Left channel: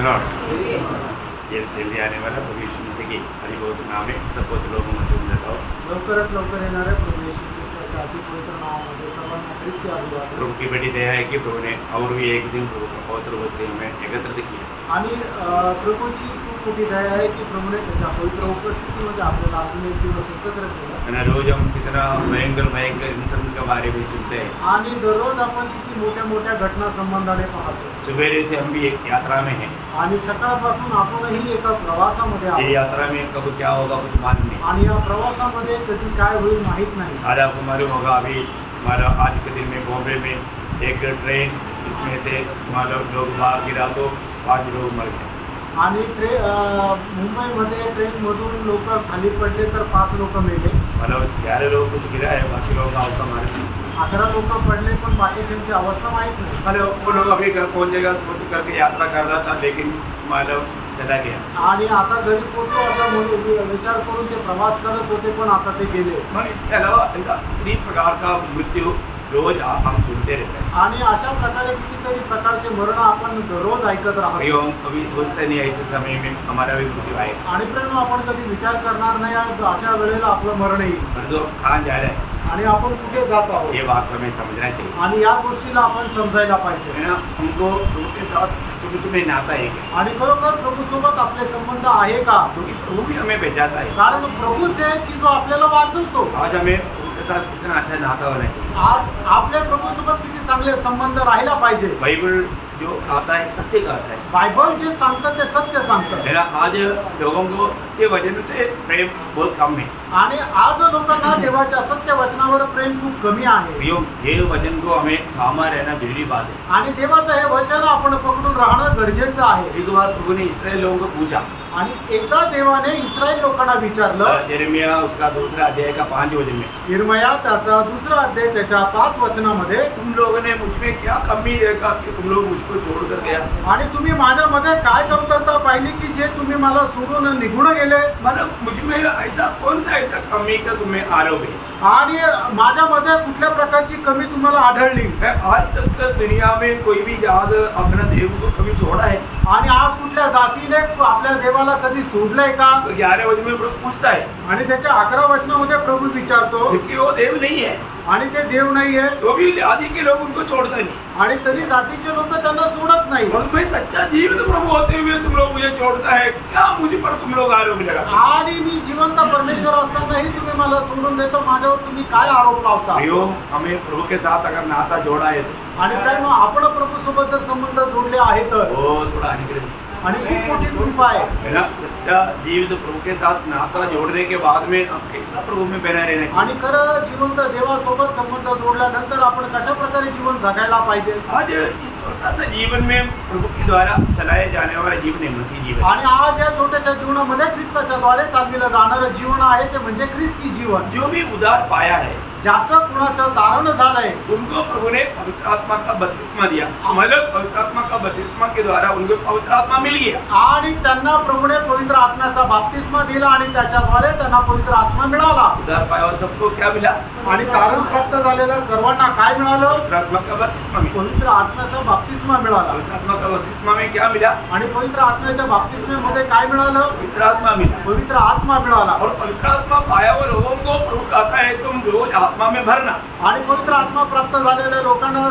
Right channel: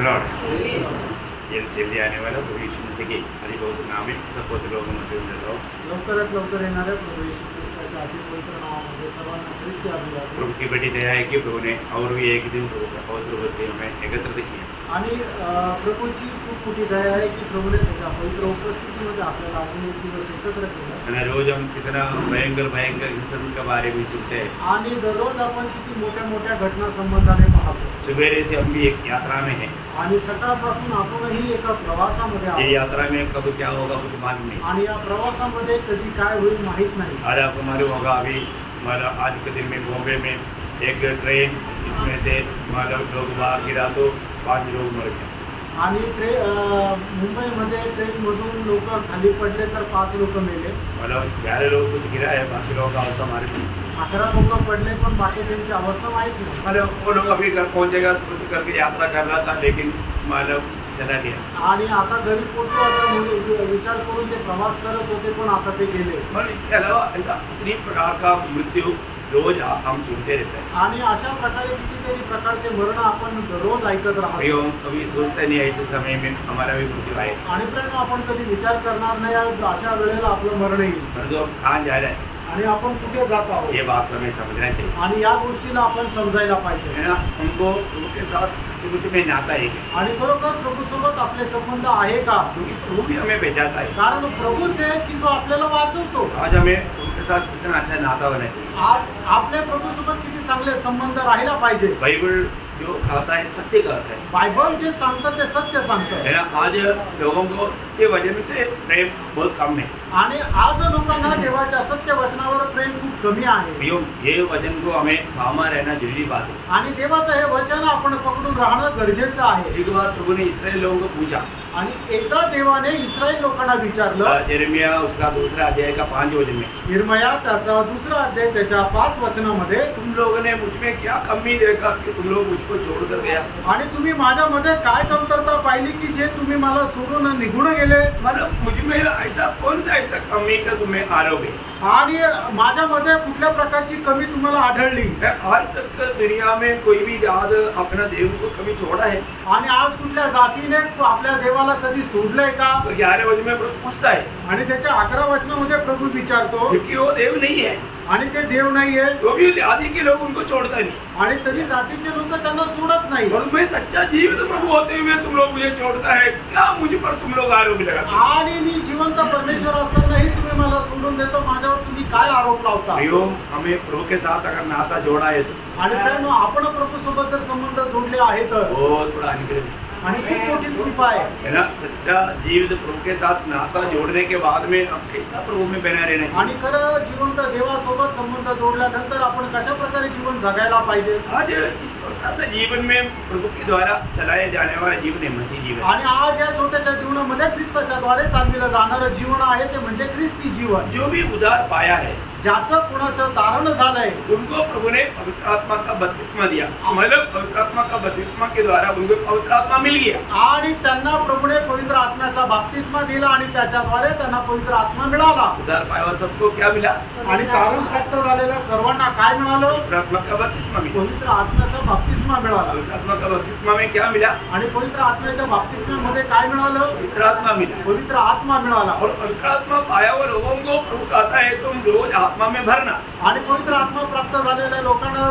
Lord, ये जल्दी आने वाला प्रभु यीशु मसीह के हरि बहुत नाम है सब पवित्र लोगों में से देता हूँ। लवकरात लवकर येणाऱ्या प्रभू येशू ख्रिस्ताच्या अति पवित्र नावामध्ये सर्वांना ख्रिस्ती अभिवादन। प्रभु की बड़ी दया है कि प्रभु ने और भी एक दिन प्रभु का पवित्र वचन हमें एकत्रित किया आणि प्रभूची खूप मोठी दया आहे की प्रभूने त्याच्या पवित्र उपस्थितीमध्ये आपल्याला अजून एक दिवस एकत्र केलं। रोज हम कितना भयंकर भयंकर इंसान के बारे में सुनते हैं आणि दररोज आपण किती मोठ्या मोठ्या घटना संबंधाने पाहतो। सुबह से हम भी एक यात्रा में हैं आणि सकाळपासून आपणही एका प्रवासामध्ये आहोत। ये यात्रा में कब क्या होगा कुछ मालूम नहीं आणि या प्रवासामध्ये कधी काय होईल माहित नाही। आज आपको मालूम होगा अभी हमारा आज के दिन में बॉम्बे में एक ट्रेन इसमें से मतलब लोग बाहर गिरा तो 5 लोग मर गए आणि मुंबईमध्ये ट्रेनमधून लोक खाली पडले तर 5 लोक मेले। मतलब 11 लोग कुछ गिरा है बाकी लोगों का अवस्था मारे 11 लोक पडले पण बाकीच्यांची अवस्था माहित नाही। मतलब वो लोग अभी घर पहुंचेगा सोच करके यात्रा कर रहा था लेकिन मतलब चला गया आणि आता घरी पोहोचतो असा विचार करून ते प्रवास करत होते पण आता ते गेले। और इसके अलावा इतनी प्रकार का मृत्यु रोज हम सुनते रहते हैं आणि अशा प्रकारे कितीतरी प्रकारचे मरण आपण दररोज ऐकत राहतो। कभी सोचते नहीं ऐसे समय में हमारा भी मृत्यू आए आणि प्रेम आपण कधी विचार करणार नाही अशा वेळेला आपलं मरण येईल परंतु हम कहाँ जा रहे हैं आणि आपण कुठे जात आहोत ये बात हमें समझना चाहिए आणि या गोष्टीला आपण समजायला पाहिजे है ना। हमको प्रभु के साथ सचमुच में नाता है आणि खरोखर प्रभू सोबत आपले संबंध आहे का क्योंकि प्रभु भी हमें बचाता है कारण प्रभूच आहे की जो आपल्याला वाचवतो। आज हमें प्रभु के साथ कितना अच्छा नाता होना चाहिए आज आपल्या प्रभू सोबत किती चांगले संबंध राहायला पाहिजे। बाइबल जो कहता है सत्य कहता है बायबल जे सांगतं ते सत्य सांगतं है ना। आज लोगों को सत्य वचन से प्रेम बहुत कम है आणि आज लोकांना देवाच्या सत्य वचनावर प्रेम खूप कमी आहे। ये वचन को हमें थामा रहना जरूरी बात है आणि देवाचं हे वचन आपण पकडून राहणं गरजेचं आहे। एक बार प्रभु ने इस्राएल लोगों को पूछा आणि एकदा देवाने इस्रायल लोकांना विचारलं यिर्मयाह उसका दूसरा अध्याय का 5 वचन में यिर्मयाह त्याचा दुसरा अध्याय त्याच्या 5 वचनामध्ये तुम लोगों ने मुझ में क्या कमी देखा कि तुम लोग मुझको छोड़कर गया आणि तुम्ही माझ्यामध्ये काय कमतरता पाहिली की जे तुम्ही मला सोडून निघून गेले। मतलब मुझ में ऐसा कौन सा ऐसा कमी का तुम्हें आरोप है आणि माझ्यामध्ये कुठल्या प्रकारची कमी तुम्हाला आढळली। आज तक दुनिया में कोई भी जात अपना देव को कभी छोड़ा है आणि आज कुठल्या जातीने आपल्या देवाला कधी सोडलंय का 11 वचन में प्रभु पूछता है आणि त्याच्या 11 वचनामध्ये प्रभू विचारतो क्योंकि वो देव नहीं है आणि ते देव नाहीये तो भी आदि के लोग उनको छोड़ता नहीं आणि तरी जातीचे लोक त्यांना सोडत नाही। और मैं सच्चा जीवित प्रभु होते हुए तुम लोग मुझे छोड़ता है क्या मुझ पर तुम लोग आरोप लगाते आणि मी जिवंत परमेश्वर असतानाही तुम्ही मला सोडून देतो माझ्यावर तुम्ही काय आरोप लावता। हमें प्रभु के साथ अगर नाता जोड़ा है तो आणि काय आपण प्रभू सोबत जर संबंध जोडले आहे तर बहुत बड़ा अनुग्रह आणि खूप मोठी कृपा है ना। सच्चा जीवित प्रभु के साथ नाता जोड़ने के बाद में हम कैसा प्रभु में बना रहना चाहिए आणि खरं जिवंत देवासोबत संबंध जोडल्यानंतर आपण कशा प्रकारे जीवन जगायला पाहिजे। आज इस छोटा सा जीवन में प्रभु के द्वारा चलाए जाने वाला जीवन है मसीह जीवन आणि आज या छोट्याशा जीवनामध्ये ख्रिस्ताच्या द्वारे चालविलं जाणारं जीवन आहे ते म्हणजे ख्रिस्ती जीवन। जो भी उद्धार पाया है ज्याचं कुणाचं तारण झालंय उनको प्रभु ने पवित्र आत्मा का बपतिस्मा दिया मतलब पवित्र आत्मा का बपतिस्मा के द्वारा उनको पवित्र आत्मा मिल गया आणि त्यांना प्रभूने पवित्र आत्म्याचा बपतिस्मा दिला आणि त्याच्याद्वारे त्यांना पवित्र आत्मा मिळाला। उद्धार पाया हुआ सबको क्या मिला आणि तारण प्राप्त झालेल्या सर्वांना काय मिळालं पवित्र आत्मा का बपतिस्मा मिला पवित्र आत्म्याचा बपतिस्मा मिळाला। पवित्र आत्मा का बपतिस्मा में क्या मिला आणि पवित्र आत्म्याच्या बपतिस्म्यामध्ये काय मिळालं पवित्र आत्मा मिला पवित्र आत्मा मिळाला। और पवित्र आत्मा पाया हुआ लोगों को प्रभु कहता है तुम रोज आत्मा में भरना आणि पवित्र आत्मा प्राप्त झालेल्या लोकांना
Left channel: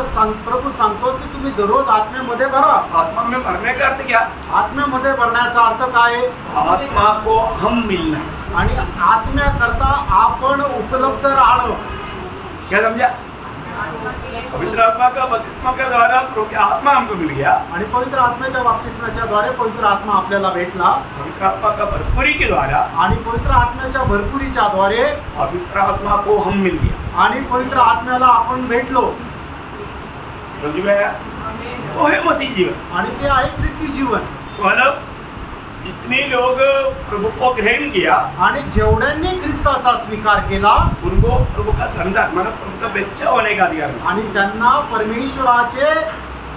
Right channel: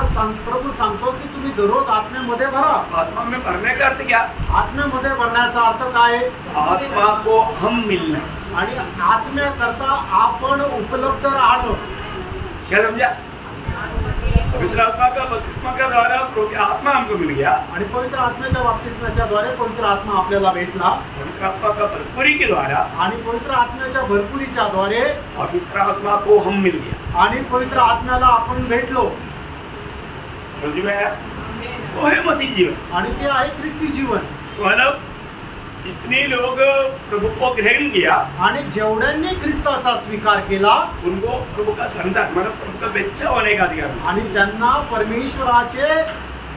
प्रभू सांगतो की तुम्ही दररोज आत्म्यामध्ये भरा। आत्मा में भरने का अर्थ क्या आत्म्यामध्ये भरण्याचा अर्थ काय आहे आत्मा को हम मिलना आणि आत्म्याकरता आपण उपलब्ध राहणं। क्या समझा पवित्र आत्मा का बपतिस्मा के द्वारा प्रभु की आत्मा हमको मिल गया आणि पवित्र आत्म्याच्या बपतिस्म्याच्या द्वारे पवित्र आत्मा आपल्याला भेटला पवित्र आत्मा का भरपूरी के द्वारा आणि पवित्र आत्म्याच्या भरपुरीच्या द्वारे पवित्र आत्मा को हम मिल गया आणि पवित्र आत्म्याला आपण भेटलो। समझ में आया वो है मसीह जीवन आणि ते आहे ख्रिस्ती जीवन। मतलब जितने लोग प्रभु को ग्रहण किया आणि जेवढ्यांनी ख्रिस्ताचा स्वीकार केला उनको प्रभु का संतान मतलब प्रभु का बच्चा होने का अधिकार मिला आणि त्यांना परमेश्वराचे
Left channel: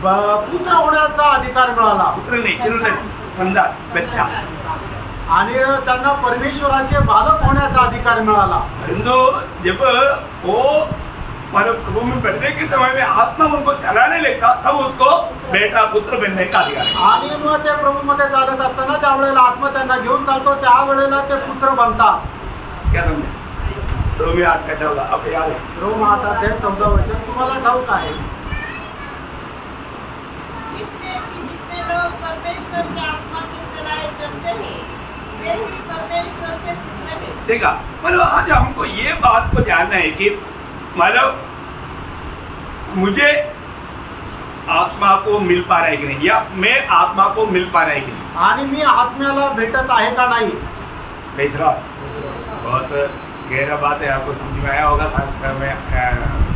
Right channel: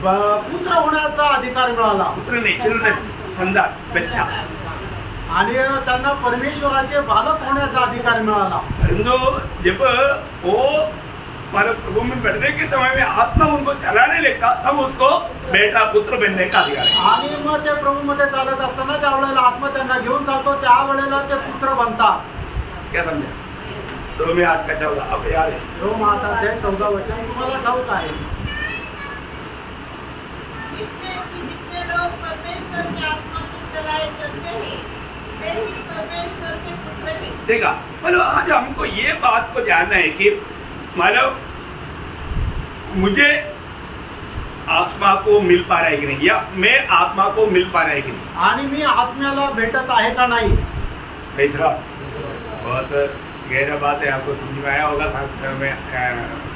पुत्र होण्याचा अधिकार मिळाला। पुत्र नहीं चिल्ड्रन संतान बच्चा आणि त्यांना परमेश्वराचे बालक होण्याचा अधिकार मिळाला। परंतु जब वो मानो प्रभु में बढ़ने के समय में आत्मा उनको चलाने लगता, तब उसको बेटा पुत्र बनने का अधिकार है। आणि मग ते प्रभूमध्ये चालत असताना ज्या वेळेला आत्मा त्यांना घेऊन चालतो त्यावेळेला ते पुत्र बनतात. क्या समझे? रोमी 8:14 अब याद है? रोम 8:14 तुम्हाला ठाऊक आहे. इसलिए कि जितने लोग परमेश्वर के आत्मा की चलाए चलते हैं वे ही परमेश्वर के पुत्र हैं. देखा, मतलब आज हमको ये बात को जानना है कि मतलब मुझे आत्मा को मिल पा रहा है कि नहीं, या मैं आत्मा को मिल पा रहा है कि नहीं, आणि मी आत्म्याला भेटत आहे का नाही. तीसरा बहुत गहरा बात है, आपको समझ में आया होगा, मैं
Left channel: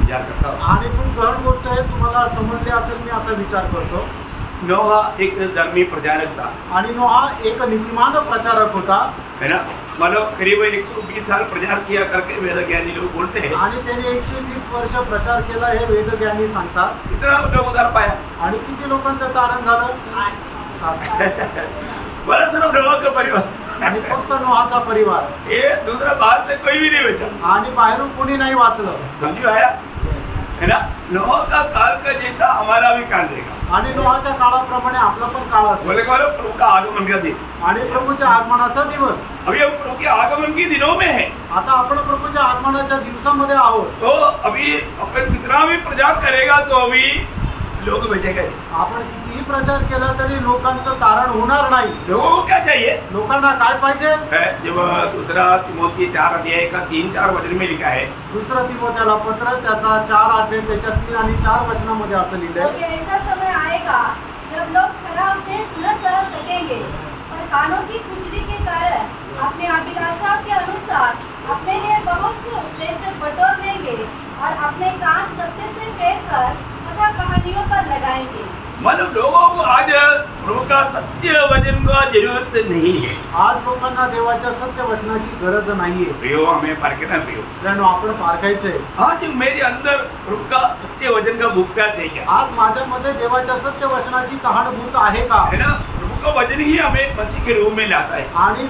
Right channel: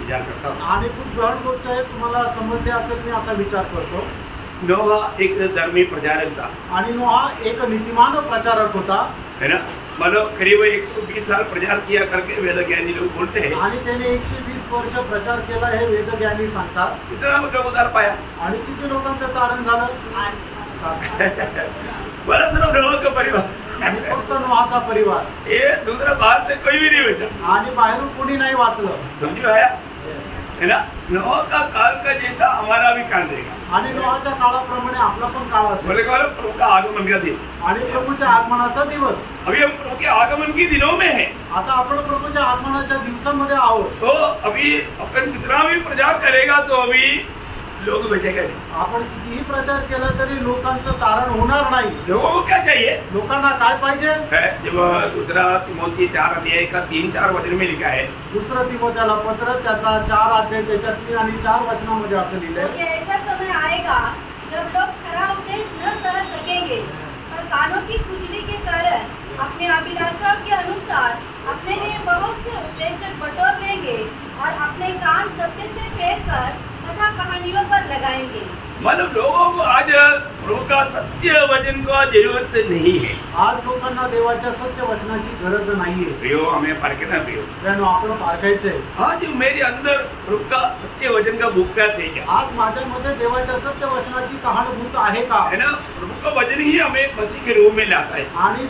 विचार करता हूँ. आणि खूप गहन गोष्ट आहे, तुम्हाला समजले असेल. मी असा विचार करतो. नोहा एक धर्मी प्रचारक था, आणि नोहा एक नीतिमान प्रचारक होता, है ना. मतलब करीब 120 साल प्रचार किया करके वेद ज्ञानी लोग बोलते हैं. आणि त्याने 120 वर्ष प्रचार केला हे वेदज्ञानी सांगतात. कितना लोग उधार पाया? आणि किती लोकांचं तारण झालं? 7. बड़ा सिर्फ नोहा का परिवार, आणि फक्त नोहाचा परिवार. ये दूसरा बाहर से कोई भी नहीं बचा. आणि बाहेरून कोणी नाही वाचलं. समझ में आया, है ना. नोहा का काल का जैसा हमारा भी काल देगा. आणि नोहाच्या काळाप्रमाणे आपला पण काळ असेल. बोले बोलो प्रभु का आगमन का दिन. आणि प्रभूच्या आगमनाचा दिवस. अभी हम प्रभु के आगमन के दिनों में है. आता आपण प्रभूच्या आगमनाच्या दिवसामध्ये आहोत. तो अभी अपन कितना भी प्रचार करेगा तो अभी लोग बचेगा नहीं. आपण कितीही प्रचार केला तरी लोकांचं तारण होणार नाही. लोगों को क्या चाहिए? लोकांना काय पाहिजे? जब दूसरा तिमोथी 4 का 3-4 वचन में लिखा है, दुसरं तिमोथेला पत्र त्याचा 4 अध्याय त्याच्या 3 आणि 4 वचनामध्ये असं लिहिलंय. क्योंकि ऐसा समय आएगा जब लोग खरा उपदेश न सह सकेंगे, पर कानों की खुजली के कारण अपने अभिलाषा के अनुसार अपने लिए बहुत से उपदेशक बटोर देंगे और अपने कान सत्य से फेर कर कथा कहानियों पर लगाएंगे. मतलब लोगों को आज प्रभु का सत्य वचन का जरूरत नहीं है. आज लोकांना देवाच्या सत्य वचनाची गरज नाहीये. प्रियो, हमें पारखना प्रियो. कारण आपण पारखायचंय. आज मेरे अंदर प्रभु का सत्य वचन का भूख्यास है क्या? आज माझ्यामध्ये देवाच्या सत्य वचनाची कहाणभूत आहे का? है ना. प्रभु का वचन ही हमें मसीह के रूप में लाता है. आणि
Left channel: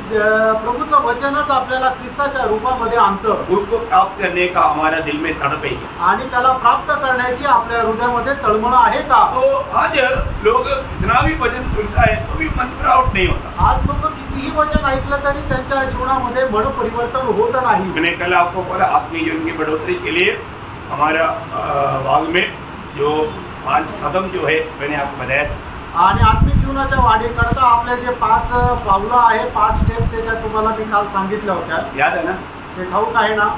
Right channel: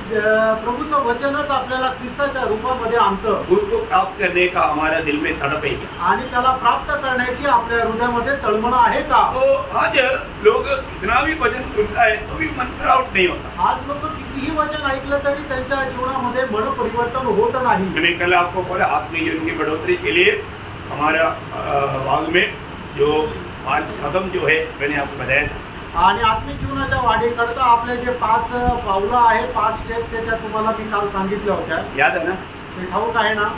प्रभूचं वचनच आपल्याला ख्रिस्ताच्या रूपामध्ये आणतं. उसको प्राप्त करने का हमारा दिल में तड़प है क्या? आणि त्याला प्राप्त करण्याची आपल्या हृदयामध्ये तळमळ आहे का? तो आज लोग कितना भी वचन सुनता है तो भी मन प्राउट नहीं होता. आज लोक कितीही वचन ऐकलं तरी त्यांच्या जीवनामध्ये मन परिवर्तन होत नाही. मैंने कल आपको बोला आत्मीय जीवन की बढ़ोतरी के लिए हमारा भाग में जो 5 कदम जो है मैंने आपको बताया था. आणि आत्मिक जीवनाच्या वाढीकरता आपले जे 5 पावलं आहे, 5 स्टेप्स आहे, त्या तुम्हाला मी काल सांगितल्या होत्या. याद है ना? ते ठाऊक आहे ना?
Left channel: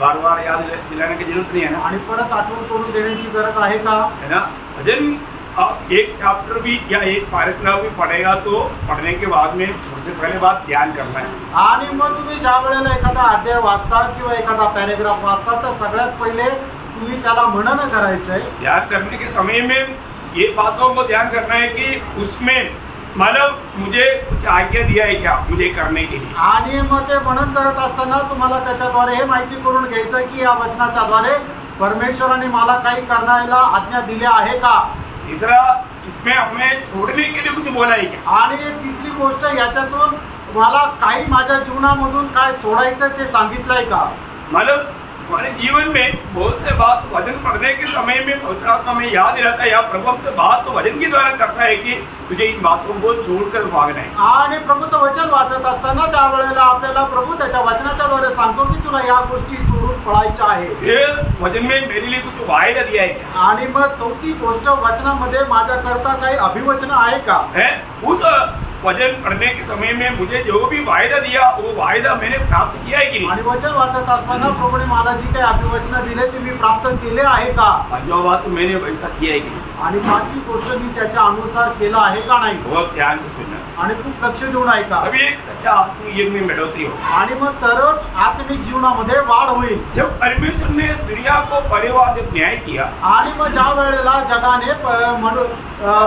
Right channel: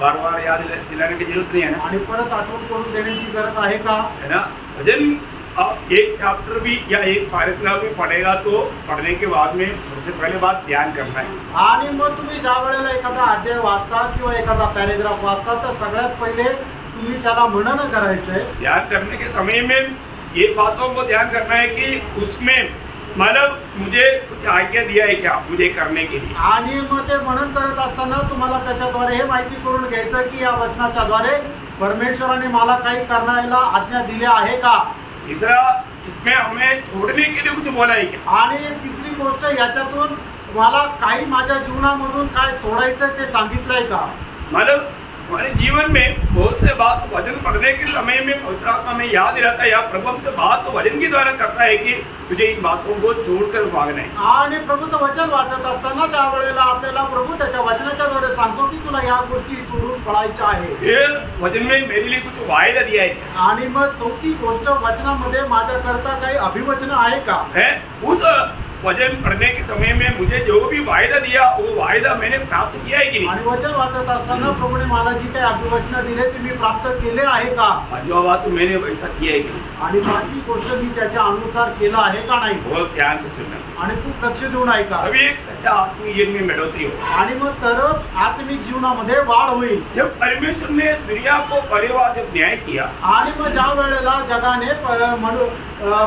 बार बार याद दिलाने की जरूरत नहीं है ना. आणि परत आठवण करून देण्याची गरज आहे का? है ना. भजन आप एक चैप्टर भी या एक पैराग्राफ भी पढ़ेगा तो पढ़ने के बाद में सबसे पहले बात ध्यान करना है. आणि मग तुम्ही ज्या वेळेला एखादा अध्याय वाचता किंवा एखादा पॅरेग्राफ वाचता तर सगळ्यात पहिले तुम्ही त्याला मनन करायचंय. ध्यान करने के समय में ये बातों को ध्यान करना है कि उसमें मतलब मुझे कुछ आज्ञा दिया है क्या मुझे करने के लिए. आणि मग ते मनन करत असताना तुम्हाला त्याच्याद्वारे हे माहिती करून घ्यायचं की या वचनाच्या द्वारे परमेश्वराने मला काही करण्याला आज्ञा दिल्या आहे का. तीसरा, इसमें हमें छोड़ने के लिए कुछ बोला है क्या. आणि तिसरी गोष्ट, याच्यातून मला काही माझ्या जीवनामधून काय सोडायचं ते सांगितलंय का. मतलब हमारे जीवन में बहुत से बात वचन पढ़ने के समय में पवित्र आत्मा में याद रहता है या प्रभु हमसे बात तो वचन के द्वारा करता है कि तुझे इन बातों को छोड़कर भागना है. आणि प्रभूचं वचन वाचत असताना त्यावेळेला आपल्याला प्रभू त्याच्या वचनाच्या द्वारे सांगतो की तुला या गोष्टी सोडून पळायच्या आहे. फिर वचन में मेरे लिए कुछ वायदा दिया है. आणि मग चौथी गोष्ट, वचनामध्ये माझ्याकरता काही अभिवचन आहे का. है उस वचन पढ़ने के समय में मुझे जो भी वायदा दिया वो वायदा मैंने प्राप्त किया है कि नहीं. आणि वचन वाचत असताना प्रभूने मला जी काही अभिवचनं दिले ते मी प्राप्त केले आहे का. जो बात मैंने वैसा किया है कि नहीं. आणि पाचवी गोष्ट मी त्याच्या अनुसार केलं आहे का नाही. बहुत ध्यान से सुनना आणि खूप लक्ष देऊन ऐका. अभी एक सच्चा आत्मिक जीवन में बढ़ोतरी हो. आणि मग तरच आत्मिक जीवनामध्ये वाढ होईल. जब परमेश्वर ने दुनिया को परिवार जब न्याय किया आणि मग ज्या वेळेला जगाने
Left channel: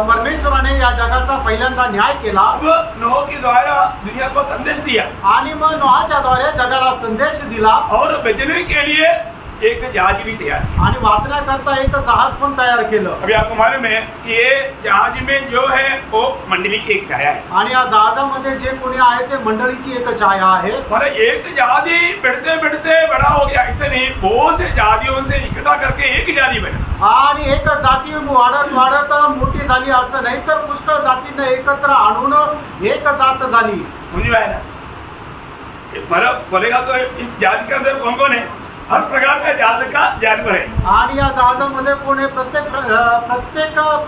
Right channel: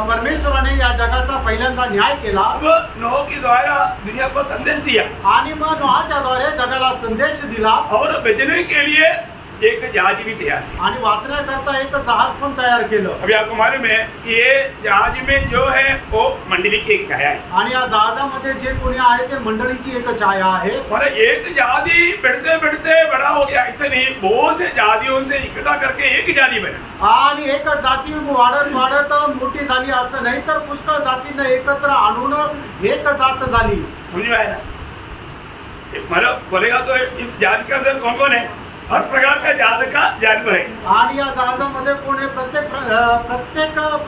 परमेश्वराने या जगाचा पहिल्यांदा न्याय केला, अब नोह के द्वारा दुनिया को संदेश दिया आणि मग नोहाच्या द्वारे जगाला संदेश दिला और बचने के लिए एक जहाज भी तैयार किया। आणि वाचण्याकरता एक जहाज पण तयार केलं। अभी आपको मालूम है कि ये जहाज में जो है वो मंडली की एक छाया है, आणि या जहाजामध्ये जे कोणी आहे ते मंडळीची एक छाया आहे। मतलब एक जहाजी बढ़ते बढ़ते बड़ा हो गया, ऐसे नहीं, बहुत से जहाजियों से इकट्ठा करके एक जहाजी बना। आणि एक जाती वाढत वाढत मोठी झाली असं नाही, तर पुष्कळ जातींना एकत्र आणून एक जात झाली। समझ में आया ना? मतलब बोलेगा तो इस जहाज के अंदर कौन कौन है? हर प्रकार का जहाज का जानवर है। आणि या जहाजामध्ये कोण आहे? प्रत्येक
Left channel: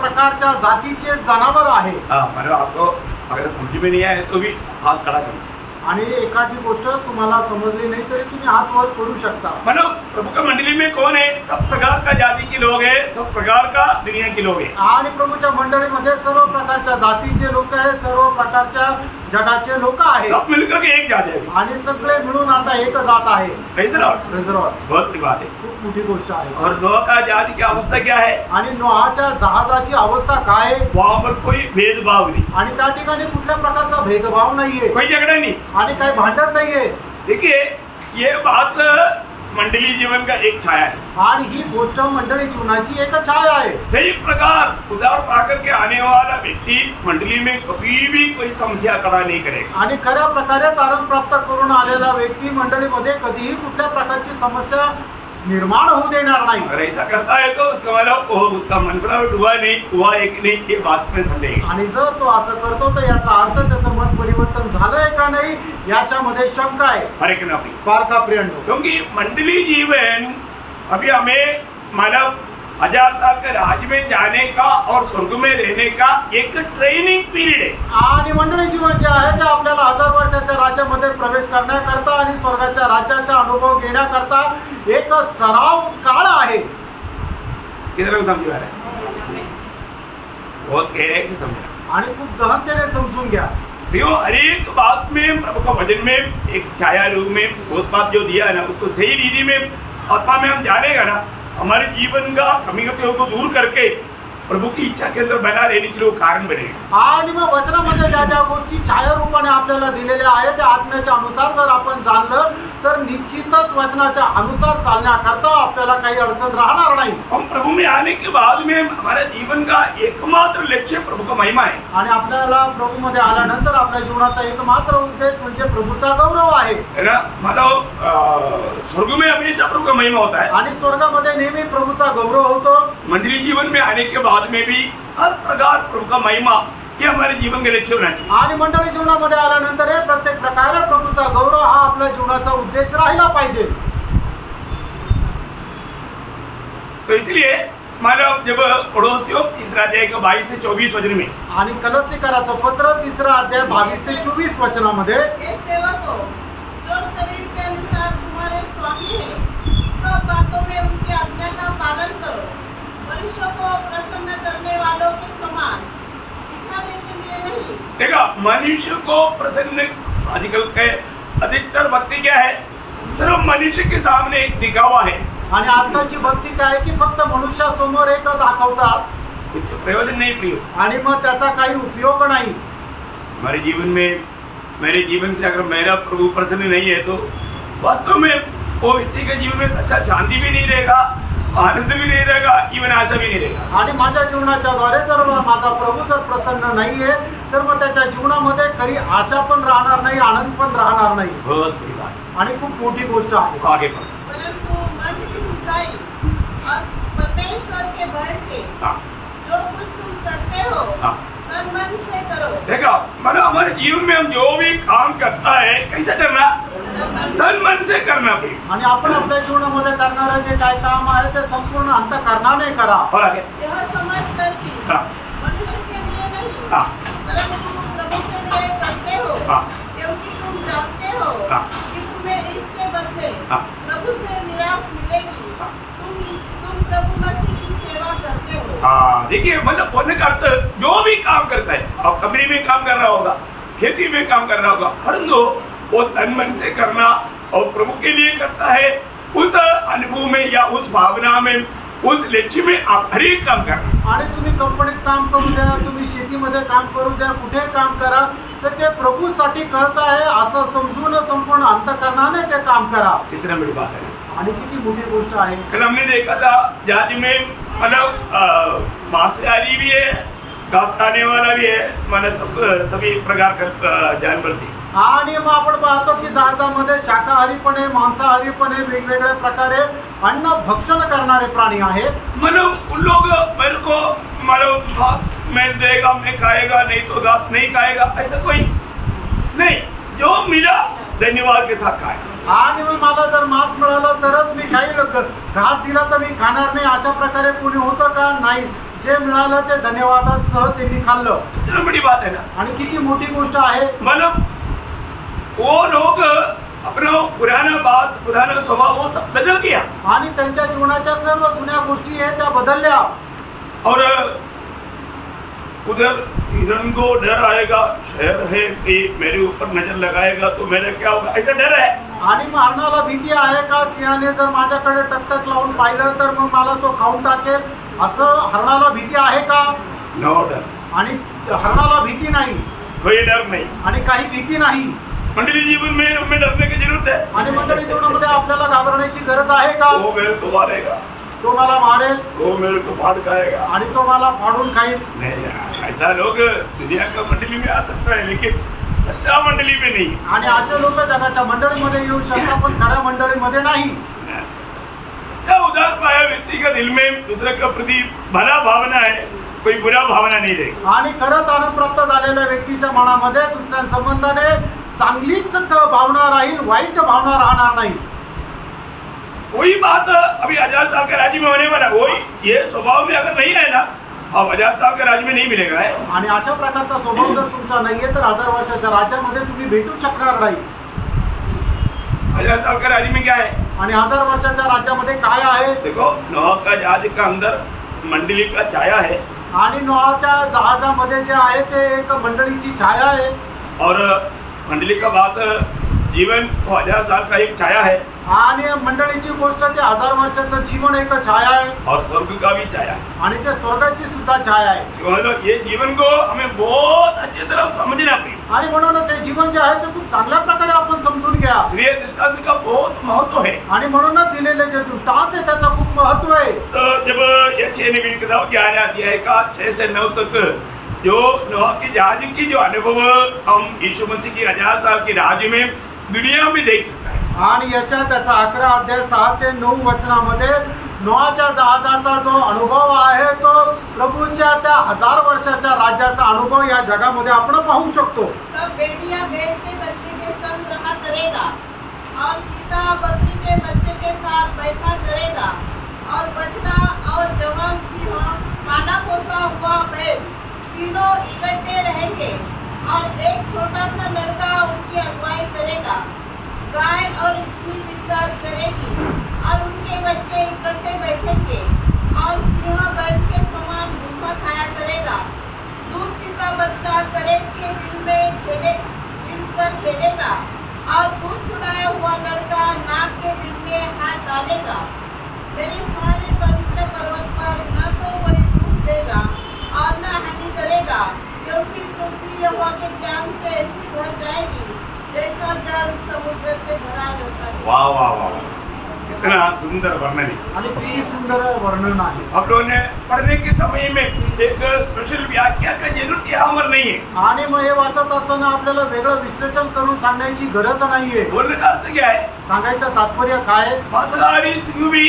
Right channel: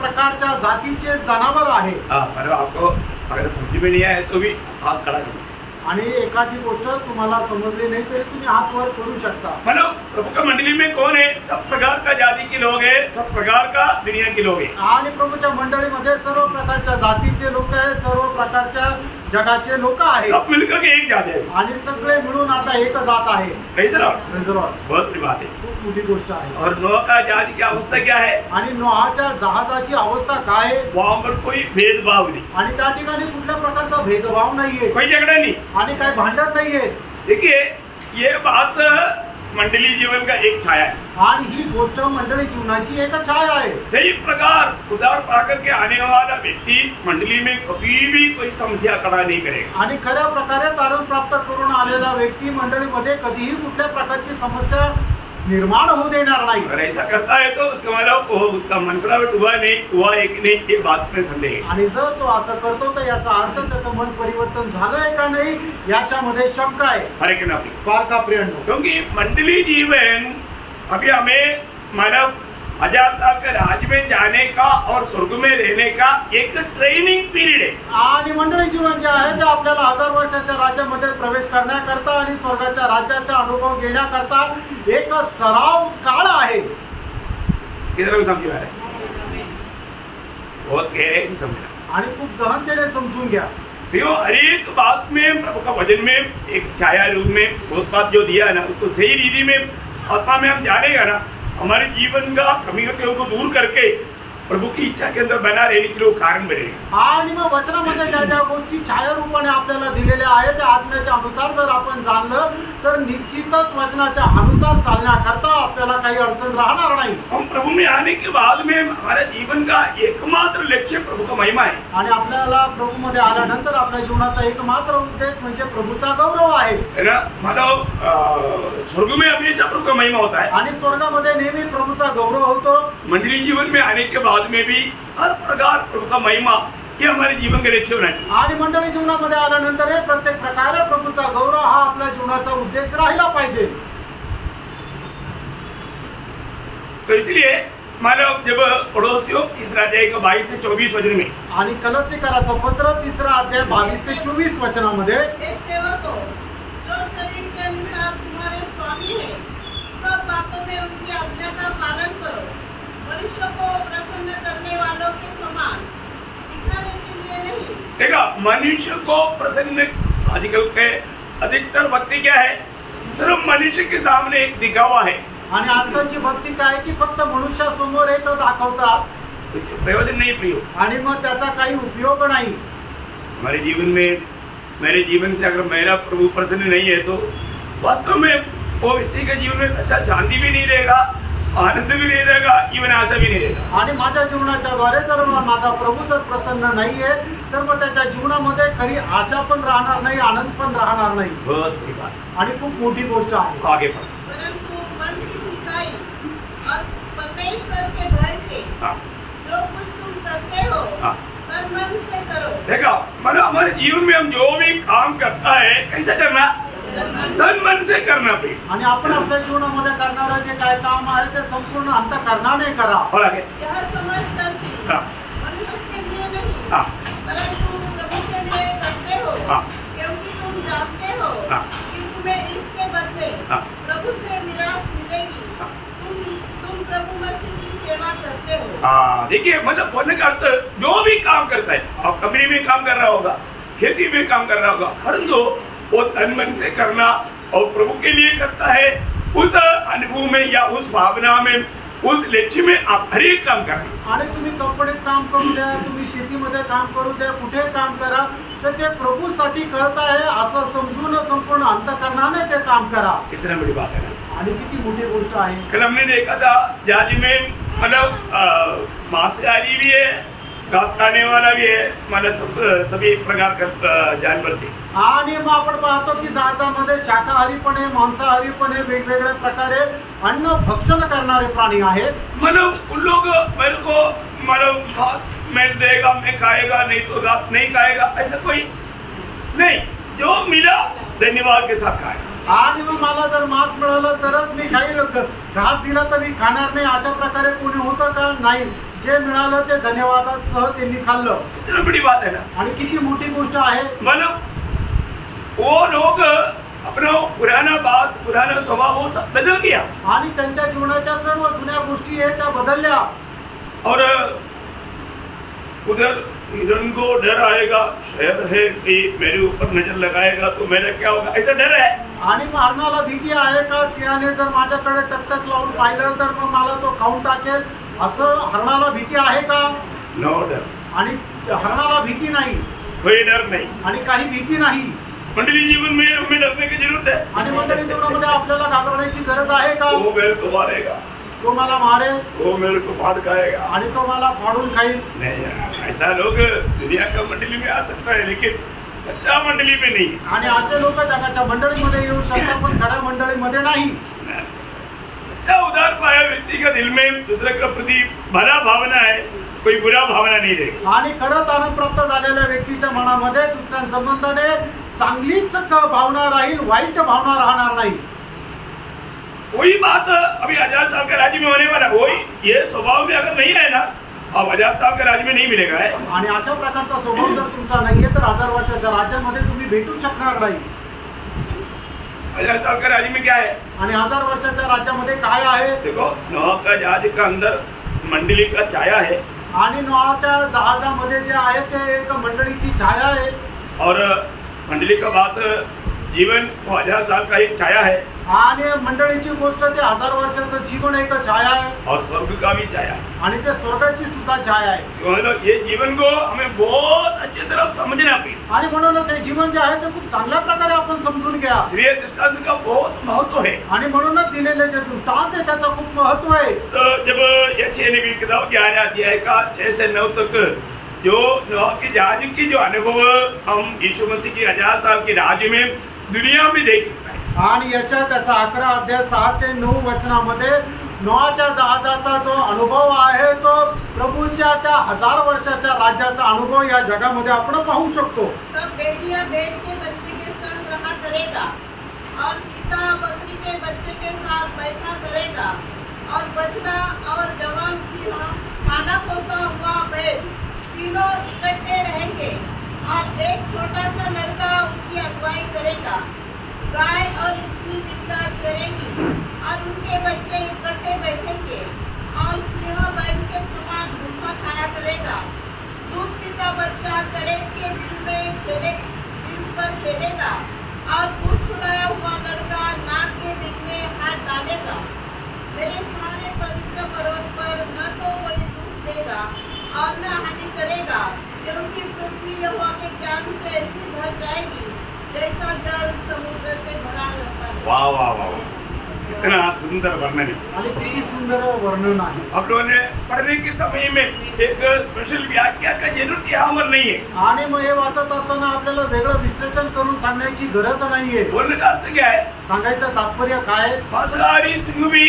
प्रकारच्या जातीचे जनावर आहे। मतलब आपको अगर समझ में नहीं आए तो भी हाथ खड़ा करना। आणि एखादी गोष्ट तुम्हाला समजली नाही तरी तुम्ही हात वर करू शकता। मतलब प्रभु का मंडली में कौन है? सब प्रकार का जाति के लोग हैं, सब प्रकार का दुनिया के लोग हैं। आणि प्रभूच्या मंडळीमध्ये सर्व प्रकारच्या जातीचे लोक आहेत, सर्व प्रकारच्या जगाचे लोक आहेत। सब मिलकर के एक जाति है आणि सगळे मिळून आता एक जात आहे। Praise the Lord. Praise the Lord. बहुत बड़ी बात है। खूप मोठी गोष्ट आहे। और नोह का जहाज की अवस्था क्या है? आणि नोहाच्या जहाजाची अवस्था काय आहे? वहां पर कोई भेदभाव नहीं, आणि त्या ठिकाणी कुठल्या प्रकारचा भेदभाव नाहीये, कोई झगड़ा नहीं। आणि काही भांडण नाहीये। देखिए ये बात मंडली जीवन का एक छाया है। आणि ही गोष्ट मंडळी जीवनाची एक छाया आहे। सही प्रकार उधार पाकर के आने वाला व्यक्ती मंडली में कभी भी कोई समस्या खड़ा नहीं करेगा। आणि खऱ्या प्रकारे तारण प्राप्त करून आलेला व्यक्ती मंडळीमध्ये कधीही कुठल्या प्रकारची समस्या निर्माण होऊ देणार नाही। अगर ऐसा करता है तो उसका मतलब उसका मन बनावट हुआ नहीं, हुआ एक नहीं, ये बात में संदेह है। आणि जर तो असं करतो तर याचा अर्थ त्याचं मन परिवर्तन झालंय का नाही याच्यामध्ये शंका आहे। हरे के नाम फार का प्रियंनो, क्योंकि मंडली जीवन अभी हमें मानव 1000 साल के राज में जाने का और स्वर्ग में रहने का एक ट्रेनिंग पीरियड है। आणि मंडळी जीवन जे आहे ते आपल्याला 1000 वर्षाच्या राज्यामध्ये प्रवेश करण्याकरता आणि स्वर्गाच्या राज्याचा अनुभव घेण्याकरता एक सराव काळ आहे। कितना लोग समझ आ रहा है? बहुत गहराई से समझना आणि खूप गहनतेने समजून घ्या। तो हर एक बात में प्रभु का वचन में एक छाया रूप में बहुत बात जो दिया है ना, उसको सही रीति में आत्मा में हम जानेगा ना, हमारे जीवन का कमियों को दूर करके प्रभु की इच्छा के अंदर बना रहने के लिए कारण बनेगा। आणि मग वचनामध्ये ज्या ज्या गोष्टी छाया रूपाने आपल्याला दिलेल्या आहेत त्या आत्म्याच्या अनुसार जर आपण जाणलं तर निश्चितच वचनाच्या अनुसार चालण्याकरता आपल्याला काही अडचण राहणार नाही। हम प्रभु में आने के बाद में हमारे जीवन का एकमात्र लक्ष्य प्रभु का महिमा है। आणि आपल्याला प्रभू मध्ये आल्यानंतर आपल्या जीवनाचा एकमात्र उद्देश म्हणजे प्रभूचा गौरव आहे, है ना? मानव स्वर्ग में हमेशा प्रभु का महिमा होता है आणि स्वर्गामध्ये नेहमी प्रभूचा गौरव होतो। मंडली जीवन में आने के बाद में भी हर प्रकार प्रभु का महिमा ये हमारे जीवन के लक्ष्य होना चाहिए। आणि मंडळी जीवनामध्ये आल्यानंतर हे प्रत्येक प्रकारे प्रभूचा गौरव हा आपल्या जीवनाचा उद्देश राहिला पाहिजे। तो इसलिए मानव जब पड़ोसियों 3 अध्याय का 22 से 24 वचन में आणि कलसीकराचं पत्र 3 अध्याय 22 ते 24 वचनामध्ये हे सेवको, जो शरीर के अनुसार तुम्हारे स्वामी है, सब बातों में उनकी आज्ञा का पालन करो, मनुष्य को प्रसन्न करने वालों के समान दिखाने के लिए नहीं। देखा, मनुष्य को प्रसन्न, आजकल के अधिकतर भक्ति क्या है? सिर्फ मनुष्य के सामने एक दिखावा है। आणि आजकालची भक्ती काय की फक्त मनुष्यासमोर एक दाखवतात, प्रयोजन नहीं प्रियो, आणि मग त्याचा काही उपयोग नाही। हमारे जीवन में, मेरे जीवन से अगर मेरा प्रभु प्रसन्न नहीं है तो वास्तव में वो व्यक्ति के जीवन में सच्चा शांति भी नहीं रहेगा, आनंद भी नहीं रहेगा, जीवन आशा भी नहीं रहेगा। आणि माझ्या जीवनाच्या द्वारे जर माझा प्रभू जर प्रसन्न नाहीये तर मग त्याच्या जीवनामध्ये खरी आशा पण राहणार नाही, आनंद पण राहणार नाही। बहुत बड़ी बात, आणि खूप मोठी गोष्ट आहे। आगे बढ़ो। परंतु मन की सीधाई और परमेश्वर के भय से हाँ, जो कुछ तुम करते हो हाँ। तन मन से करो। देखा, मतलब हमारे जीवन में हम जो भी काम करता है कैसे करना? तन मन से करना भाई। आणि आपण आपल्या जीवनामध्ये करणारे जे काय काम आहे ते संपूर्ण अंतःकरणाने करा। और आगे? यह समझ कर कि हाँ, मनुष्य के लिए नहीं, हाँ, परंतु प्रभु के लिए करते हो, हाँ। क्योंकि तुम जानते हो हाँ। कि तुम्हें इसके बदले हाँ। प्रभु से निराश मिलेगी। हाँ। तुम प्रभु मसीह की सेवा करते हो। हाँ, देखिए, मतलब बोलने का अर्थ जो भी काम करता है, अब कंपनी में काम कर रहा होगा, खेती में काम कर रहा होगा, परंतु वो तन मन से करना और प्रभु के लिए करता है, उस अनुभव में या उस भावना में, उस लक्ष्य में आप हर एक काम करना। आणि तुम्ही कंपनीत काम करू द्या, तुम्ही शेतीमध्ये काम करू द्या, कुठे काम करा, तर ते प्रभूसाठी करत आहे असं समजून संपूर्ण अंतःकरणाने ते काम करा। कितना बड़ी बात है ना? आणि किती मोठी गोष्ट आहे. कल हमने देखा था जाज में मतलब मांसाहारी भी है, घास खाने वाला भी है, मतलब सभी प्रकार का जानवर थे. आणि मग आपण पाहतो की जहाजामध्ये शाकाहारी पण आहे, मांसाहारी पण आहे, वेगवेगळ्या प्रकारे अन्न भक्षण करणारे प्राणी आहेत. मतलब उन लोग मेरे को मतलब घास मैं देगा मैं खाएगा, नहीं तो घास नहीं खाएगा, ऐसा कोई नहीं. जो मिला धन्यवाद के साथ खाएगा. आणि मग मला जर मांस मिळालं तरच मी खाईल, घास दिला तर मी खाणार नाही, अशा प्रकारे कोणी होतं का? नाही. जे मिळालं ते धन्यवादासह त्यांनी खाल्लं. कितनी बड़ी बात है ना. आणि किती मोठी गोष्ट आहे. मतलब वो लोग अपना पुराना स्वभाव वो सब बदल गया. आणि त्यांच्या जीवनाच्या सर्व जुन्या गोष्टी आहेत त्या बदलल्या. और उधर हिरण को डर आएगा, शहर है कि मेरे ऊपर नजर लगाएगा तो मेरा क्या होगा, ऐसा डर है. आणि मग हरणाला भीती आहे का? सिंहाने जर माझ्याकडे टकटक लावून पाहिलं तर मग मला तो खाऊन टाकेल, असं हरणाला भीती आहे का? नो डर. आणि हरणाला भीती नाही, कोई डर नहीं. आणि काही भीती नाही. मंडली जीवन में हमें डरने की जरूरत है. आणि मंडळी जीवनामध्ये आपल्याला घाबरण्याची गरज आहे का? वो मेरे को मारेगा, तो मला मारेल, वो मेरे को फाड़ खाएगा, आणि तो मला फाडून खाईल. नहीं यार, ऐसा लोग दुनिया का मंडली में आ सकता है लेकिन सच्चा मंडली में नहीं. आणि असे लोक जगाच्या मंडळीमध्ये येऊ शकतात पण खऱ्या मंडळीमध्ये नाही. सच्चा उदार पाया व्यक्ति का दिल में दूसरे का प्रति भला भावना है, कोई बुरा भावना नहीं रहेगी. आणि खरंच आनंद प्राप्त झालेल्या व्यक्तीच्या मनामध्ये दुसऱ्या संबंधाने चांगलीच भावना राहील, वाईट भावना राहणार नाही. वही बात अभी आजाद साहब के राज्य में होने वाला, वही ये स्वभाव में अगर नहीं है ना, अब आजाद साहब के राज्य में नहीं मिलेगा है. आणि अशा प्रकारचा स्वभाव जर तुमचा नाहीये तर 1000 वर्षाच्या राज्यामध्ये तुम्ही भेटू शकणार नाही. आजाद साहब के राज्य में क्या है? आणि 1000 वर्षाच्या राज्यामध्ये काय आहे? देखो नोह का जहाज का अंदर मंडली का छाया है. आणि नोहाच्या जहाजामध्ये जे आहे ते एक मंडळीची छाया आहे. और मंडली का बात जीवन तो 1000 साल का एक छाया है. आणि मंडळीची गोष्ट ते 1000 वर्षाचं जीवन एक छाया आहे. और स्वर्ग का भी छाया है. आणि ते स्वर्गाची सुद्धा छाया आहे. मतलब ये जीवन को हमें बहुत अच्छी तरह समझना चाहिए. आणि म्हणूनच हे जीवन जे आहे ते खूप चांगल्या प्रकारे आपण समजून घ्या. श्रेय दृष्टांत का बहुत महत्व है. आणि म्हणूनच दिलेले जे दृष्टांत आहे त्याचा खूप महत्व आहे. तो जब यशायाह नबी की किताब 11 अध्याय का 6 से 9 तक जो नोह के जहाज की जो अनुभव हम यीशु मसीह की 1000 साल के राज्य में दुनिया में देख सकता है. आणि याच्या त्याचा 11 अध्याय 6 ते 9 वचनामध्ये नोहाच्या जहाजाचा जो अनुभव आहे तो प्रभूच्या त्या 1000 वर्षाच्या राज्याचा अनुभव या जगामध्ये आपण पाहू शकतो. तब भेड़िया भेड़ के बच्चे के संग रहा करेगा और चीता बकरी के बच्चे के साथ बैठा करेगा और बछड़ा और जवान सिंह काला पोसा हुआ बैल तीनों इकट्ठे रहेंगे और एक छोटा सा लड़का उनकी अगुवाई करेगा. गाय और इसकी बिचार करेगी और उनके बच्चे इकट्ठे बैठेंगे और सिंह बैल के समान भूसा खाया करेगा. दूध पीता बच्चा करेब के बिल पर खेलेगा और दूध छुड़ाया हुआ लड़का नाक के बिल में हाथ डालेगा. मेरे सारे पवित्र पर्वत पर न तो कोई दूध देगा और न हानि करेगा, क्योंकि पृथ्वी यहोवा के ज्ञान से ऐसी भर जाएगी जैसा जल समुद्र से भरा रहता है. वाह वाह वाह, कितना सुंदर वर्णन है. आणि किती सुंदर वर्णन आहे. हम लोगों ने पढ़ने के समय में एक स्पेशल व्याख्या का जरूरत यहाँ पर नहीं है. आणि मग हे वाचत असताना आपल्याला वेगळं विश्लेषण करून सांगण्याची गरज नाहीये. बोलने का अर्थ क्या है? सांगायचं तात्पर्य काय? मांसाहारी सिंह भी